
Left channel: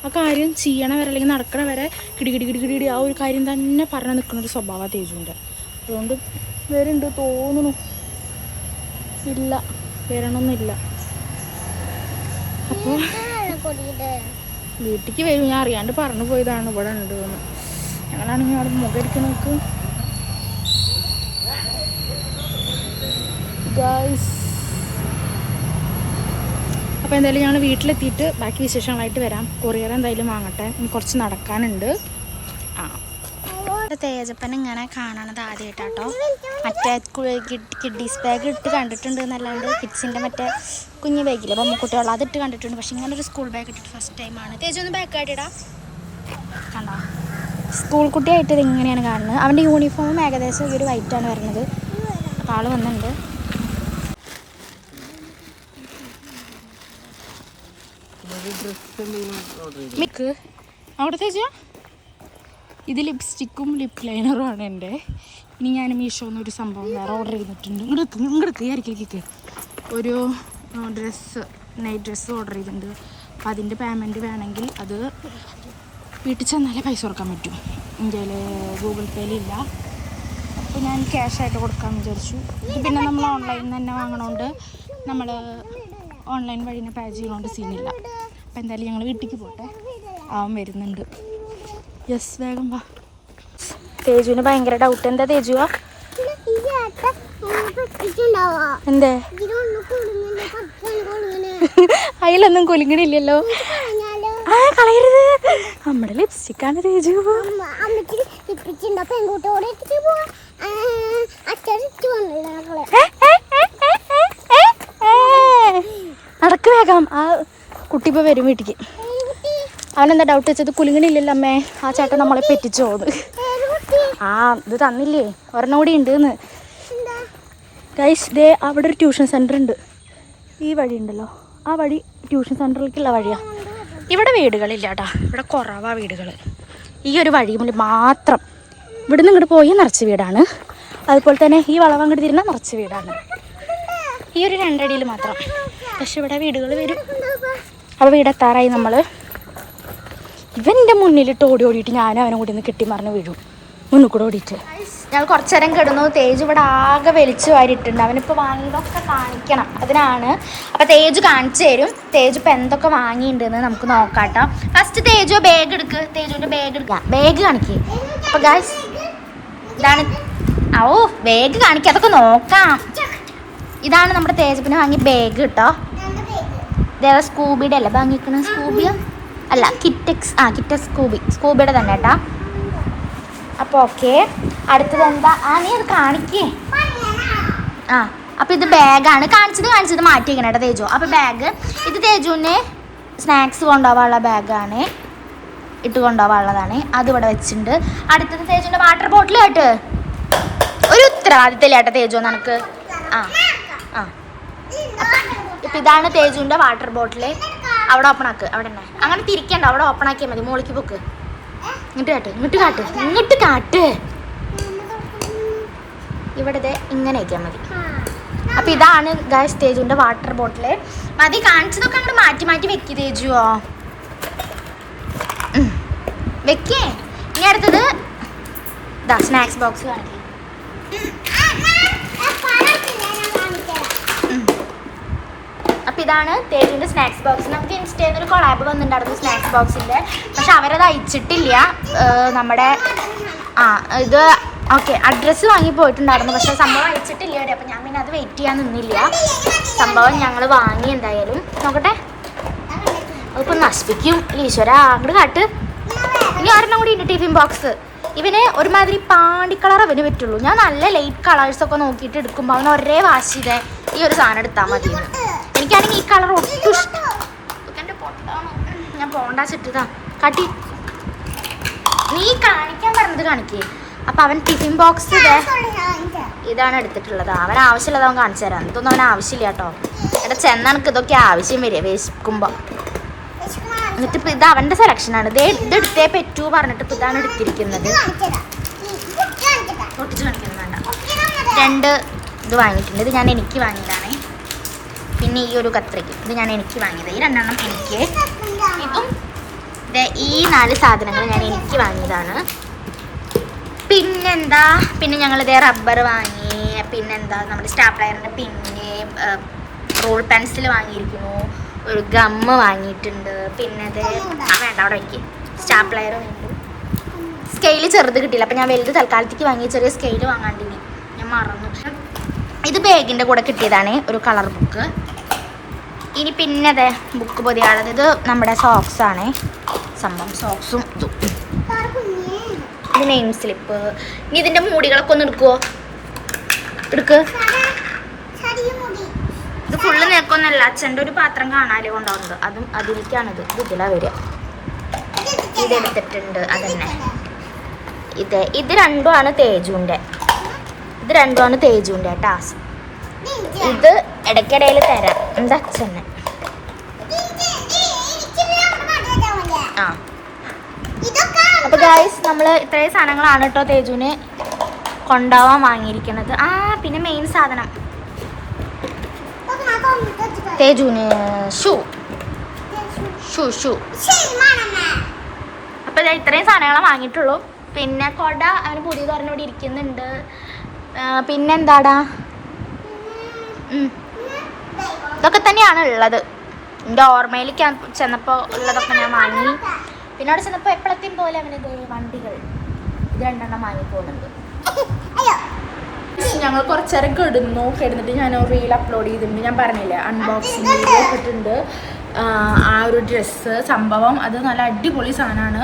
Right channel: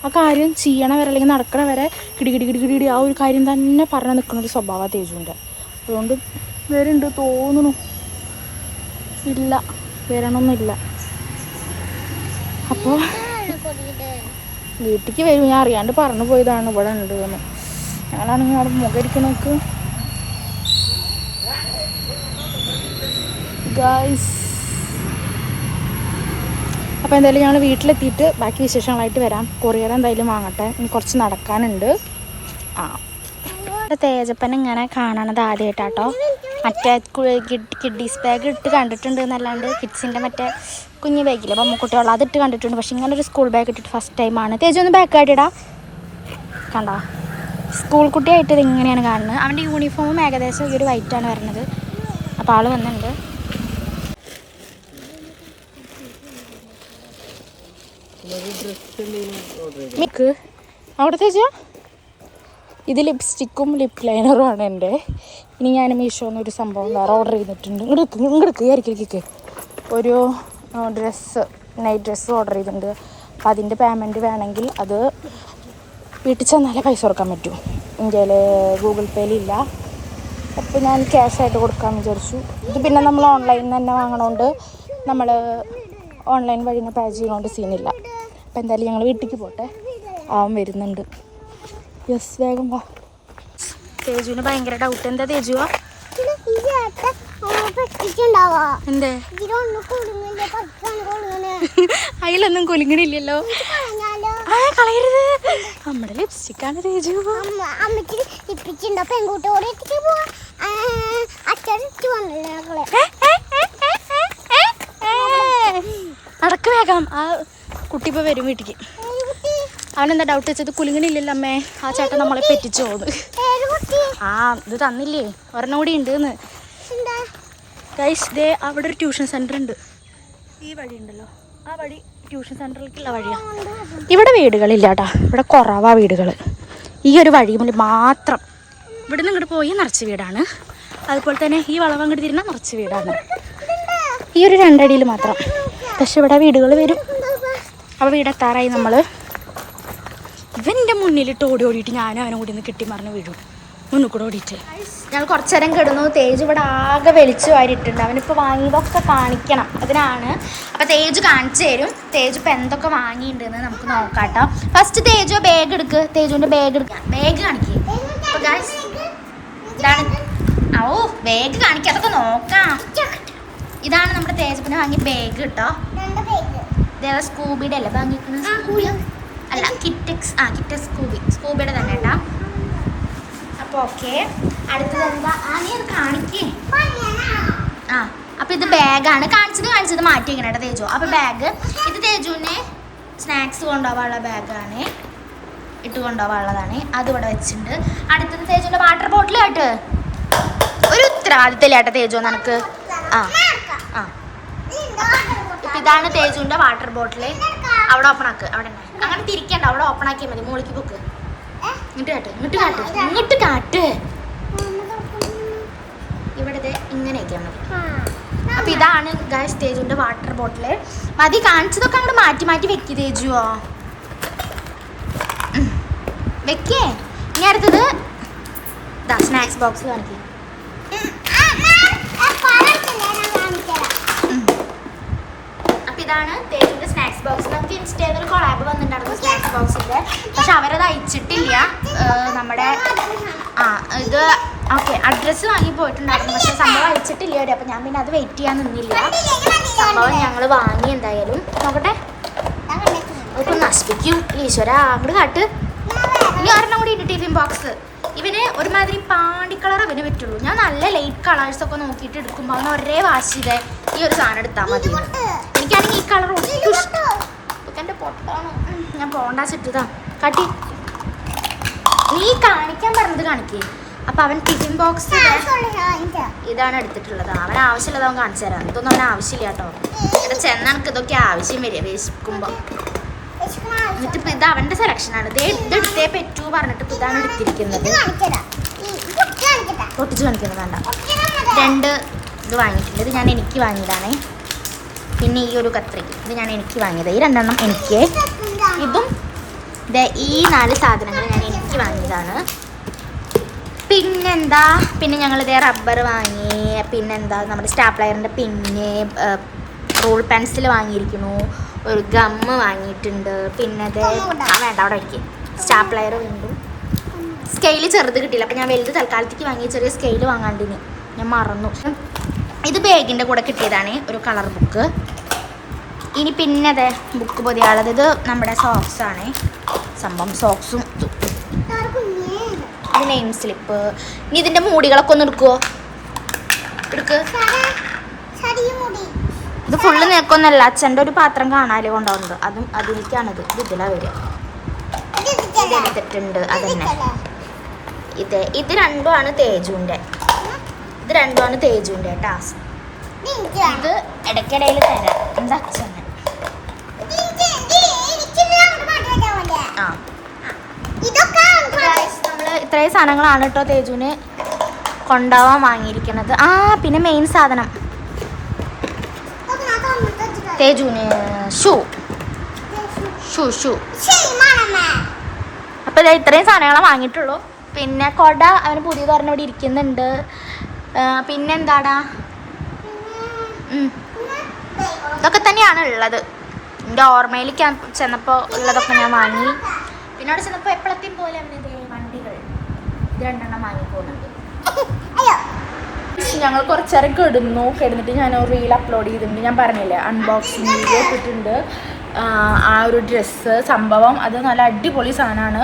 ആ കാര്യം ചെയ്യണ വരെ അല്ലെങ്കിൽ നടക്കണ വരെ കിടി ആ ഒരു കാര്യം തന്നെ പറഞ്ഞു നിൽക്കുന്ന ഒരു സ്വഭാവമാണ് തേജുവിൻ്റെ. അതുകൊണ്ട് വരുന്നുണ്ട് തോന്നുന്നു. ഇല്ല, വരണമൊന്നുമില്ല. അപ്പോൾ വീട്ടിലേക്ക് വരും. ഞാൻ അറിയാണ്ട് പറഞ്ഞു പോയതാണ് ഇവിടെ ഉണ്ട് എന്ന്. ഞങ്ങളാണെങ്കിൽ അവിടെ മുഖരിക്കുന്നവർക്ക് അപ്പോൾ എന്തായാലും ഞങ്ങൾ വീട്ടിലെത്തിയിട്ട് ബാക്കി വിശേഷങ്ങളായിട്ട് വരാം. കൊറിയർ എന്തായാലും വാങ്ങട്ടെ, ഇനി കുറച്ച് നടക്കാനുണ്ട്. തേജപ്പൻ ഇങ്ങനെ കാണണത് ആദ്യമായിട്ടാട്ടോ. മറ്റേ കിഡ്ഡീസ് ബാഗ് ഇട്ട് കണ്ടിട്ടുണ്ട് എന്നല്ലാണ്ട് കിഡ്സിൻ്റെ മറ്റേ കുഞ്ഞു ബാഗില്ലേ ബൊമ്മക്കുട്ടിയുള്ള അതിട്ട് കണ്ടിട്ടുണ്ട്. പക്ഷെ ഇങ്ങനെ ഒരു സ്കൂൾ ബാഗ് ഇട്ടിട്ട് ഫസ്റ്റ് ടൈമാണ്. തേജ് ഒന്ന് ബാഗ് കാട്ടിടാ. കണ്ടോ, സ്കൂൾ കുട്ടിയായിട്ട് ഇത് ഇങ്ങനെയാണ് കാണുന്നത്. അവൻ്റെ യൂണിഫോമും ഏകദേശം ഈ ഒരു വൈറ്റാണ് വരുന്നത്. അപ്പോൾ ആൾ വന്നിട്ടുണ്ട്. അവിടെ തേജാ ഇത് ലിപ്സ്റ്റിക്കും ലിപ് ലൈനറും ആണ് എൻ്റെ. ഇനി ഞാൻ മീഷോന്നൊരു സംഭവം വേറെ ഓർഡർ ചെയ്തിട്ടുണ്ട്. ഇങ്ങോട്ട് ആയിരിക്കും ഒരു നൈറ്റ് ഡ്രസ്സ് ഓർഡർ ചെയ്തിട്ടുണ്ട്. അപ്പം അതിൻ്റെ പേയ്മെൻറ്റ് വേണമെങ്കിൽ അത് വീട്ടിൽ ചെന്നാലേ പൈസ കൊടുക്കാൻ പറ്റൂ. ഇന്ത്യയിൽ ഗൂഗിൾ പേയിലില്ല. അപ്പോൾ ഞാൻ ക്യാഷായിട്ട് കൊടുക്കാമെന്ന് വിചാരിച്ചു. ഇത് പിന്നെ നമ്മൾ ഓൺലൈനിൽ നിന്ന് തന്നെ വാങ്ങണോണ്ട് നമ്മൾ ഓൺലൈൻ വഴി നിന്ന് പേ ചെയ്യുന്നതുകൊണ്ട് സീനില്ല. അപ്പോൾ എന്തായാലും ഞങ്ങൾ വീട്ടിലേക്ക് പോട്ടെ. അവൻ വരുന്നുണ്ട്. യെസ്, വേഗം വാ. തേജുവിന് ഭയങ്കര ഡൗട്ട്. എന്താ തേജുവാ? എന്തേ അതിലൊന്നും കുലുങ്ങണില്ലല്ലോ. കളയരുത്, നമ്മുടെ ലിപ്സ്റ്റിക്കാണ് തേജു. നടക്ക് വേഗം. ആ കുട്ടി ഇപ്പോൾ വരും വീട്ടിക്ക്. അവനെന്താ ഡൗട്ട് വെച്ചത്? കുലുങ്ങണില്ലല്ലോ അമ്മേ. ആ ചേട്ടൻ നമ്മളെ പെറ്റിച്ചോ? ആ ഇത് തന്നില്ലേ, ഒരെണ്ണം കൂടി ഉണ്ട് എന്ന്. ഗൈസ് ദേ അവിടെ ഒരു ട്യൂഷൻ സെൻറ്റർ ഉണ്ട്. ഈ വഴി ഉണ്ടല്ലോ, ആ വഴി ട്യൂഷൻ സെൻറ്ററിലേക്കുള്ള വഴിയാണ്. ഇവിടെ വീടുകളില്ല കേട്ടോ, ഇവിടെ കുറവാണ് വീടുകൾ. ഈ ഒരു വഴി മാത്രം. ഇവിടെ നിന്ന് ഇങ്ങോട്ട് പോയി നിറച്ച് വീടാണ്. അതുപോലെ തന്നെ ഈ വളവ് അങ്ങോട്ട് തിരിഞ്ഞാൽ മറിച്ച് വീടാണ്. ഈ ഒരു 2 അടിയിൽ മാത്രം. പക്ഷെ ഇവിടെ വീടുകൾ വരും. അപ്പോൾ വീടെത്താറായി നമ്മൾ. ഇവൻ്റെ മുന്നിലിട്ട് ഓടിയിട്ട് ഞാനും അവനും കൂടി ഒന്ന് കെട്ടിമറിഞ്ഞ് വീഴും. മുന്നിൽ കൂടെ ഓടിയിട്ട് ഞങ്ങൾ കുറച്ച് നേരം കിടന്നു. തേജ് ഇവിടെ ആകെ വലിച്ചു വാരിയിട്ടുണ്ട്. അവനിപ്പോൾ വാങ്ങിയതൊക്കെ കാണിക്കണം, അതിനാണ്. അപ്പോൾ തേജ് കാണിച്ചു തരും. തേജ് ഇപ്പോൾ എന്തൊക്കെ വാങ്ങിയിട്ടുണ്ടെന്ന് നമുക്ക് നോക്കാട്ടോ. ഫസ്റ്റ് തേജു ബാഗ് എടുക്ക്. തേജുവിൻ്റെ ബാഗ് എടുക്കാം. ബാഗ് കാണിക്കേ. അപ്പോൾ ഗായ്സ് ഇതാണ്. ഓ ബാഗ് കാണിക്കുക, അതൊക്കെ നോക്കാം. ഇതാണ് നമ്മുടെ തേജപ്പിന് വാങ്ങിയ ബാഗ് കേട്ടോ. ഇതേതാ സ്കൂബിയുടെ അല്ല വാങ്ങിക്കണ? സ്കൂബി അല്ല, കിറ്റക്സ്. കിറ്റക്സ് സ്കൂബിയുടെ തന്നെ കേട്ടോ. അപ്പോൾ ഓക്കെ, അടുത്തത് എന്താ? നീ അത് കാണിക്കേ. അപ്പോൾ ഇത് ബാഗാണ്. കാണിച്ചത് മാറ്റി വയ്ക്കണം കേട്ടോ തേജു. അപ്പോൾ ബാഗ് ഇത് തേജുവിന് സ്നാക്സ് കൊണ്ടുപോകാനുള്ള ബാഗാണ്, ഇട്ട് കൊണ്ടുപോകാനുള്ളതാണ്. അതിവിടെ വെച്ചിട്ടുണ്ട്. അടുത്തത് തേജുവിൻ്റെ വാട്ടർ ബോട്ടിൽ കേട്ട്. ഒരു ഉത്തരവാദിത്തമില്ല കേട്ടോ തേജു നിനക്ക്. ഇപ്പം ഇതാണ് തേജുവിൻ്റെ വാട്ടർ ബോട്ടിൽ. അവിടെ ഓപ്പൺ ആക്ക്. അവിടെ തന്നെ അങ്ങനെ തിരിക്കണ്ട, അവിടെ ഓപ്പൺ ആക്കിയാൽ മതി. മോളിക്ക് പൊക്ക്. ഇങ്ങോട്ട് കാട്ട്. ഇവിടെ ഇങ്ങനെ വയ്ക്കാൻ മതി. അപ്പൊ ഇതാണ് ഗൈസ് തേജുവിന്റെ വാട്ടർ ബോട്ടില്. മതി, കാണിച്ചതൊക്കെ അങ്ങോട്ട് മാറ്റി വെക്കി തേജുവോ. വെക്കേ. ഇനി അടുത്തത് ഇതാ സ്നാക്സ് ബോക്സ് കാണിക്കേ. അപ്പം ഇതാണ് തേജുവിൻ്റെ സ്നാക്സ് ബോക്സ്. നമുക്ക് ഇൻസ്റ്റയിൽ ഒരു കൊളാബ് വന്നിട്ടുണ്ടായിരുന്നു സ്നാക്സ് ബോക്സിൻ്റെ. പക്ഷെ അവരത് അയച്ചിട്ടില്ല. നമ്മുടെ ഇത് ഓക്കെ അഡ്രസ്സ് വാങ്ങി പോയിട്ടുണ്ടായിരുന്നു, പക്ഷേ സംഭവം അയച്ചിട്ടില്ല. അപ്പം ഞാൻ പിന്നെ അത് വെയിറ്റ് ചെയ്യാൻ നിന്നില്ല. സംഭവം ഞങ്ങൾ വാങ്ങി. എന്തായാലും നോക്കട്ടെ, അതിപ്പോൾ നശിപ്പിക്കും. ഈശ്വര അങ്ങോട്ട് കാട്ട്. ഇനി ഒരെണ്ണം കൂടി ഉണ്ട് ടിഫിൻ ബോക്സ്. ഇവന് ഒരുമാതിരി പാണ്ടി കളർ അവന് പറ്റുള്ളൂ. ഞാൻ നല്ല ലൈറ്റ് കളേഴ്സൊക്കെ നോക്കിയിട്ട് എടുക്കുമ്പോൾ അവന് ഒരേ വാശി ചെയ്തേ ഈ ഒരു സാധനം എടുത്താൽ മതി. എനിക്കാണെങ്കിൽ ഈ കളർ ഒട്ടും എൻ്റെ പൊട്ടാണ്. ഞാൻ പോണ്ടാ സെറ്റതാ കാട്ടി. നീ കാണിക്കാൻ പറഞ്ഞത് കാണിക്കേ. അപ്പം അവൻ ടിഫിൻ ബോക്സ് ഇതാണ് എടുത്തിട്ടുള്ളത്. അവൻ ആവശ്യമുള്ളത് അവൻ കാണിച്ചു തരാം. ഇതൊന്നും അവൻ ആവശ്യമില്ല കേട്ടോ. ഇവിടെ ചെന്നണക്ക് ഇതൊക്കെ ആവശ്യം വരിക വിശക്കുമ്പോൾ. എന്നിട്ട് ഇപ്പം ഇത് അവൻ്റെ സെലക്ഷനാണ്. ഇത് എടുത്തേ പറ്റൂ പറഞ്ഞിട്ട് ഇപ്പം ഇതാണ് എടുത്തിരിക്കുന്നത്. പൊട്ടിച്ച് കാണിക്കുന്നത് വേണ്ട. 2 ഇത് വാങ്ങിയിട്ടുണ്ട്. ഇത് ഞാൻ എനിക്ക് വാങ്ങിയതാണ്. പിന്നെ ഈ ഒരു കത്രിക ഇത് ഞാൻ എനിക്ക് വാങ്ങിയത്. ഈ 2 എണ്ണം എനിക്ക്. ഇതും ഈ 4 സാധനങ്ങൾ ഞാൻ എനിക്ക് വാങ്ങിയതാണ്. പിന്നെന്താ, പിന്നെ ഞങ്ങളിതേ റബ്ബർ വാങ്ങി. പിന്നെന്താ നമ്മുടെ സ്റ്റാപ്ലയറിൻ്റെ പിന്നെ റോൾ പെൻസിൽ വാങ്ങിയിരിക്കുന്നു. ഒരു ഗമ്മ് വാങ്ങിയിട്ടുണ്ട്. പിന്നെ ഇത് വേണ്ട അവിടെ വയ്ക്കും. സ്റ്റാപ്ലയർ വീണ്ടും. സ്കെയിൽ ചെറുത് കിട്ടിയില്ല, അപ്പം ഞാൻ വലുത് തൽക്കാലത്തേക്ക് വാങ്ങി. ചെറിയ സ്കെയിൽ വാങ്ങാണ്ടിന് ഞാൻ മറന്നു. ഇത് ബാഗിൻ്റെ കൂടെ കിട്ടിയതാണ്, ഒരു കളർ ബുക്ക്. ഇനി പിന്നെ അതെ ബുക്ക് പൊതിയാളത്. ഇത് നമ്മുടെ സോക്സാണ് സംഭവം. സോക്സും ഇതും. ഇത് നെയിം സ്ലിപ്പ്. ഇനി ഇതിൻ്റെ മൂടികളൊക്കെ ഒന്ന് എടുക്കുമോ? എടുക്ക്. ഇത് ഫുള്ള് നിൽക്കൊന്നല്ല. അച്ഛൻ്റെ ഒരു പാത്രം കാണാല് കൊണ്ടുണ്ട്. അതും അതിലേക്കാണിത്. ഇതിലാണ് വരിക. ഇതെടുത്തിട്ടുണ്ട്. അതന്നെ ഇത് രണ്ടുമാണ് തേജുവിൻ്റെ. ഇത് രണ്ടുമാണ് തേജുവിൻ്റെ ടാസ്ക്. ഇത് ഇടയ്ക്കിടയിൽ തരാം. എന്താ അച്ഛന് അപ്പോൾ ഗൈസ് നമ്മൾ ഇത്രയും സാധനങ്ങളാണ് കേട്ടോ തേജുവിന് കൊണ്ടുപോകാൻ വാങ്ങിയിരിക്കുന്നത്. പിന്നെ മെയിൻ സാധനം തേജുവിന് ഷൂ. അപ്പോൾ ഇത്രയും സാധനങ്ങളെ വാങ്ങിയിട്ടുള്ളൂ. പിന്നെ കൊട അവന് പുതിയ പറഞ്ഞ ഇവിടെ ഇരിക്കുന്നുണ്ട്. പിന്നെന്താടാ, ഇതൊക്കെ തന്നെയാണ് ഉള്ളത്. എൻ്റെ ഓർമ്മയിലേക്ക് ചെന്നപ്പോൾ ഉള്ളതൊക്കെ ഞാൻ വാങ്ങി. പിന്നെ അവിടെ ചെന്നപ്പോൾ എപ്പോഴത്തെയും പോലെ അവനിത് വണ്ടികൾ 2 എണ്ണം വാങ്ങി പോകുന്നുണ്ട്. ഞങ്ങൾ കുറച്ചേരം കിടന്നിട്ട് ഞാൻ ഒരു റീൽ അപ്ലോഡ് ചെയ്തിട്ടുണ്ട്. ഞാൻ പറഞ്ഞില്ലേ അൺബോക്സിങ് വീഡിയോ ഇട്ടിട്ടുണ്ട്. ആ ഒരു ഡ്രസ്സ് സംഭവം അത് നല്ല അടിപൊളി സാധനമാണ്.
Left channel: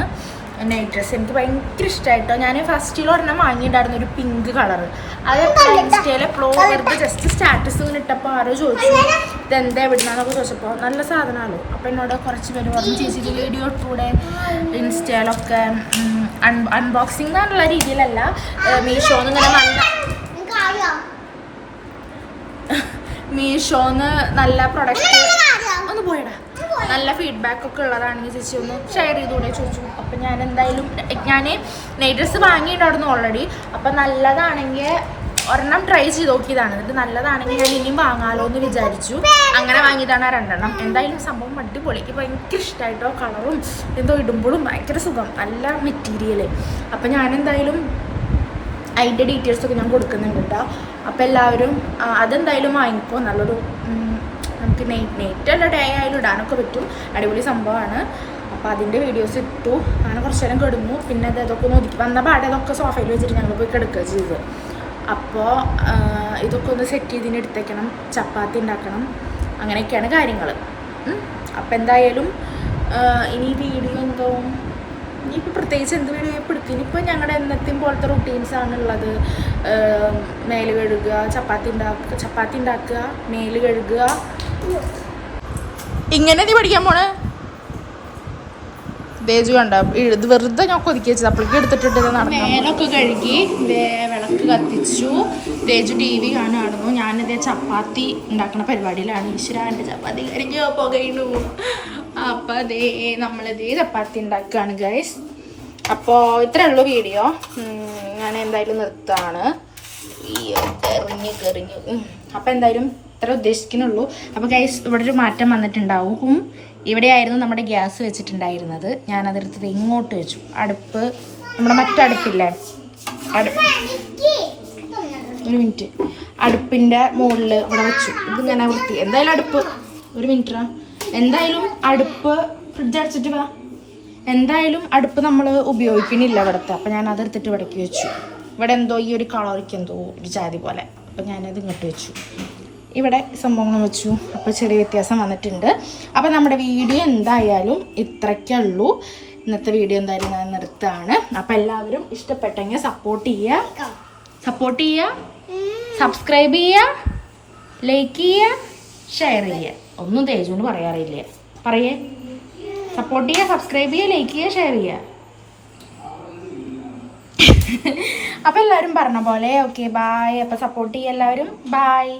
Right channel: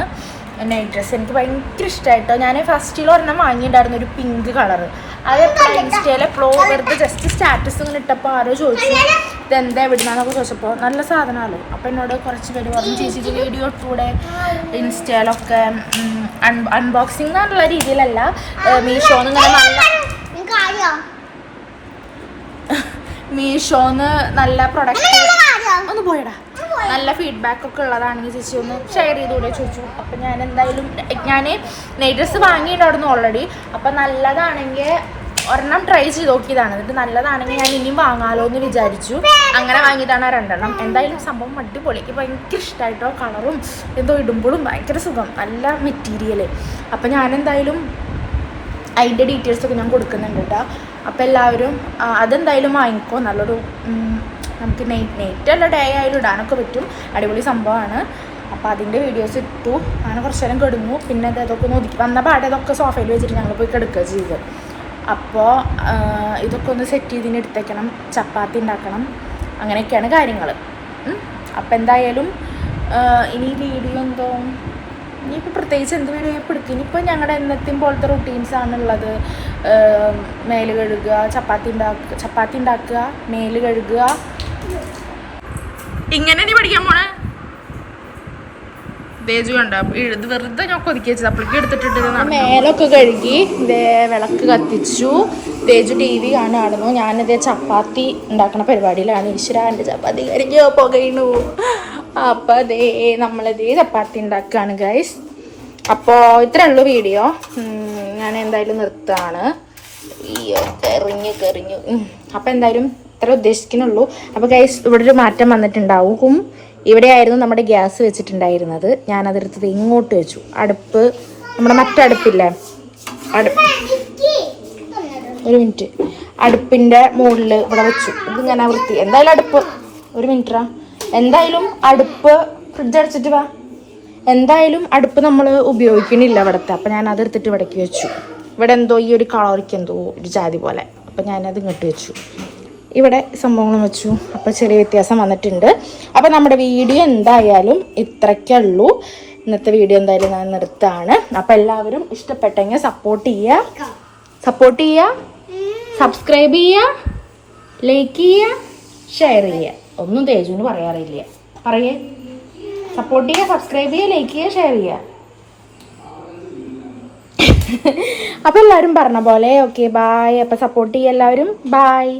നൈറ്റ് ഡ്രസ്സ് എനിക്ക് ഭയങ്കര ഇഷ്ടമായിട്ടോ. ഞാൻ ഫസ്റ്റിൽ ഒരെണ്ണം വാങ്ങിയിട്ടുണ്ടായിരുന്നു, ഒരു പിങ്ക് കളറ്. അത് എപ്പോഴും ഇൻസ്റ്റയിൽ എപ്പോഴും വെറുതെ ജസ്റ്റ് സ്റ്റാറ്റസ് ഇങ്ങനെ ഇട്ടപ്പോൾ ആരോ ചോദിച്ചു ഇതെന്താ എവിടുന്നാന്നൊക്കെ ചോദിച്ചപ്പോൾ നല്ല സാധനമാണല്ലോ. അപ്പോൾ എന്നോട് കുറച്ച് പേര് പറഞ്ഞു ചേച്ചിക്ക് വീഡിയോ ഇട്ടൂടെ ഇൻസ്റ്റയിലൊക്കെ. അൺബോക്സിങ് എന്നുള്ള രീതിയിലല്ല, മീഷോന്ന് ഇങ്ങനെ മീഷോന്ന് നല്ല പ്രൊഡക്റ്റ് ഒന്ന് പോയടാ നല്ല ഫീഡ്ബാക്ക് ഒക്കെ ഉള്ളതാണെങ്കിൽ ചേച്ചി ഒന്ന് ഷെയർ ചെയ്തുകൂടെ ചോദിച്ചു. അപ്പം ഞാൻ എന്തായാലും ഞാൻ നെയ് ഡ്രസ്സ് വാങ്ങിയിട്ടുണ്ടായിരുന്നു ഓൾറെഡി. അപ്പം നല്ലതാണെങ്കിൽ ഒരെണ്ണം ട്രൈ ചെയ്ത് നോക്കിയതാണ്. എന്നിട്ട് നല്ലതാണെങ്കിൽ ഞാൻ ഇനിയും വാങ്ങാലോ എന്ന് വിചാരിച്ചു. അങ്ങനെ വാങ്ങിയതാണ് 2 എണ്ണം. എന്തായാലും സംഭവം അടിപൊളി. എനിക്ക് ഭയങ്കര ഇഷ്ടമായിട്ടോ. കളറും എന്തോ ഇടുമ്പോഴും ഭയങ്കര സുഖം, നല്ല മെറ്റീരിയൽ. അപ്പം ഞാനെന്തായാലും അതിൻ്റെ ഡീറ്റെയിൽസൊക്കെ ഞാൻ കൊടുക്കുന്നുണ്ട് കേട്ടോ. അപ്പോൾ എല്ലാവരും അതെന്തായാലും വാങ്ങിക്കോ. നല്ലൊരു നമുക്ക് നൈറ്റ് അല്ല ഡേ ആയാലും ഇടാനൊക്കെ പറ്റും. അടിപൊളി സംഭവമാണ്. അപ്പോൾ അതിൻ്റെ വീഡിയോസ് ഇട്ടു. അങ്ങനെ കുറച്ച് നേരം കിടന്നു. പിന്നെ ഇതൊക്കെ ഒന്ന് ഒതുക്കി വന്ന പാടെ ഇതൊക്കെ സോഫയിൽ വെച്ചിട്ട് ഞങ്ങൾ പോയി കിടക്കുക ചെയ്തത്. അപ്പോൾ ഇതൊക്കെ ഒന്ന് സെറ്റ് ചെയ്തിന് എടുത്തേക്കണം. ചപ്പാത്തി ഉണ്ടാക്കണം. അങ്ങനെയൊക്കെയാണ് കാര്യങ്ങൾ. അപ്പോൾ എന്തായാലും ഇനി വീഡിയോ എന്തോ ഇനിയിപ്പോൾ പ്രത്യേകിച്ച് എന്ത് വീഡിയോ എടുക്കും. ഇനിയിപ്പോൾ ഞങ്ങളുടെ എന്നത്തെയും പോലത്തെ റുട്ടീൻസാണുള്ളത്. മേല് കഴുകുക, ചപ്പാത്തി ഉണ്ടാക്കുക, മേല് കഴുകുക. ഇങ്ങനെ നീ പഠിക്കാൻ പോണേ തേജു കണ്ട ഇത് വെറുതെ ഞാൻ കൊതിക്കി വെച്ചത്. അപ്പോഴേക്ക് എടുത്തിട്ടിട്ട് മേലൊക്കെ കഴുകി വിളക്ക് കത്തിച്ചു. തേജു TV കാണുമായിരുന്നു. ഞാനിതേ ചപ്പാത്തി ഉണ്ടാക്കുന്ന പരിപാടിയിലാണ്. ഈശ്വരാൻ്റെ ചപ്പാത്തി കരിഞ്ഞോ പുകയുന്നു. അപ്പോൾ അതേ നമ്മളിതേ ചപ്പാത്തി ഉണ്ടാക്കുകയാണ് ഗൈസ്. അപ്പോൾ ഇത്രേ ഉള്ളൂ വീഡിയോ. ഞാൻ എന്തായാലും നിർത്താണ്. കറിഞ്ഞു. അപ്പോൾ എന്തായാലും ഇത്ര ഉദ്ദേശിക്കുന്നുള്ളൂ. അപ്പോൾ ഗൈസ് ഇവിടെ ഒരു മാറ്റം വന്നിട്ടുണ്ടാവും. ഇവിടെ ആയിരുന്നു നമ്മുടെ ഗ്യാസ് വെച്ചിട്ടുണ്ടായിരുന്നത്. ഞാനതെടുത്തത് ഇങ്ങോട്ട് വെച്ചു. അടുപ്പ് നമ്മുടെ മറ്റടുപ്പില്ലേ, ഒരു മിനിറ്റ്, അടുപ്പിൻ്റെ മുകളിൽ ഇവിടെ വെച്ചു. ഇത് ഞാൻ വൃത്തി എന്തായാലും അടുപ്പ് ഒരു മിനിറ്റാ. എന്തായാലും അടുപ്പ് ഫ്രിഡ്ജ് അടച്ചിട്ട് വാ. എന്തായാലും അടുപ്പ് നമ്മൾ ഉപയോഗിക്കണില്ല ഇവിടുത്തെ. അപ്പം ഞാൻ അതെടുത്തിട്ട് ഇവിടേക്ക് വെച്ചു. ഇവിടെ എന്തോ ഈ ഒരു കളറിക്ക് എന്തോ ഒരു ജാതി പോലെ. അപ്പം ഞാനത് ഇങ്ങോട്ട് വെച്ചു. ഇവിടെ സംഭവങ്ങൾ വെച്ചു. അപ്പോൾ ചെറിയ വ്യത്യാസം വന്നിട്ടുണ്ട്. അപ്പോൾ നമ്മുടെ വീഡിയോ എന്തായാലും ഇത്രയ്ക്കുള്ളൂ. ഇന്നത്തെ വീഡിയോ എന്തായാലും ഞാൻ നിർത്താണ്. അപ്പോൾ എല്ലാവരും ഇഷ്ടപ്പെട്ടെങ്കിൽ സപ്പോർട്ട് ചെയ്യുക, സബ്സ്ക്രൈബ് ചെയ്യുക, ലൈക്ക് ചെയ്യുക, ഷെയർ ചെയ്യുക. ഒന്നും തേജുവിന് പറയാറില്ല. പറയേ, സപ്പോർട്ട് ചെയ്യുക, സബ്സ്ക്രൈബ് ചെയ്യുക, ലൈക്ക് ചെയ്യുക, ഷെയർ ചെയ്യുക. അപ്പോൾ എല്ലാവരും പറഞ്ഞ പോലെ ഓക്കെ ബായ്. അപ്പോൾ സപ്പോർട്ട് ചെയ്യുക എല്ലാവരും. ബായ്.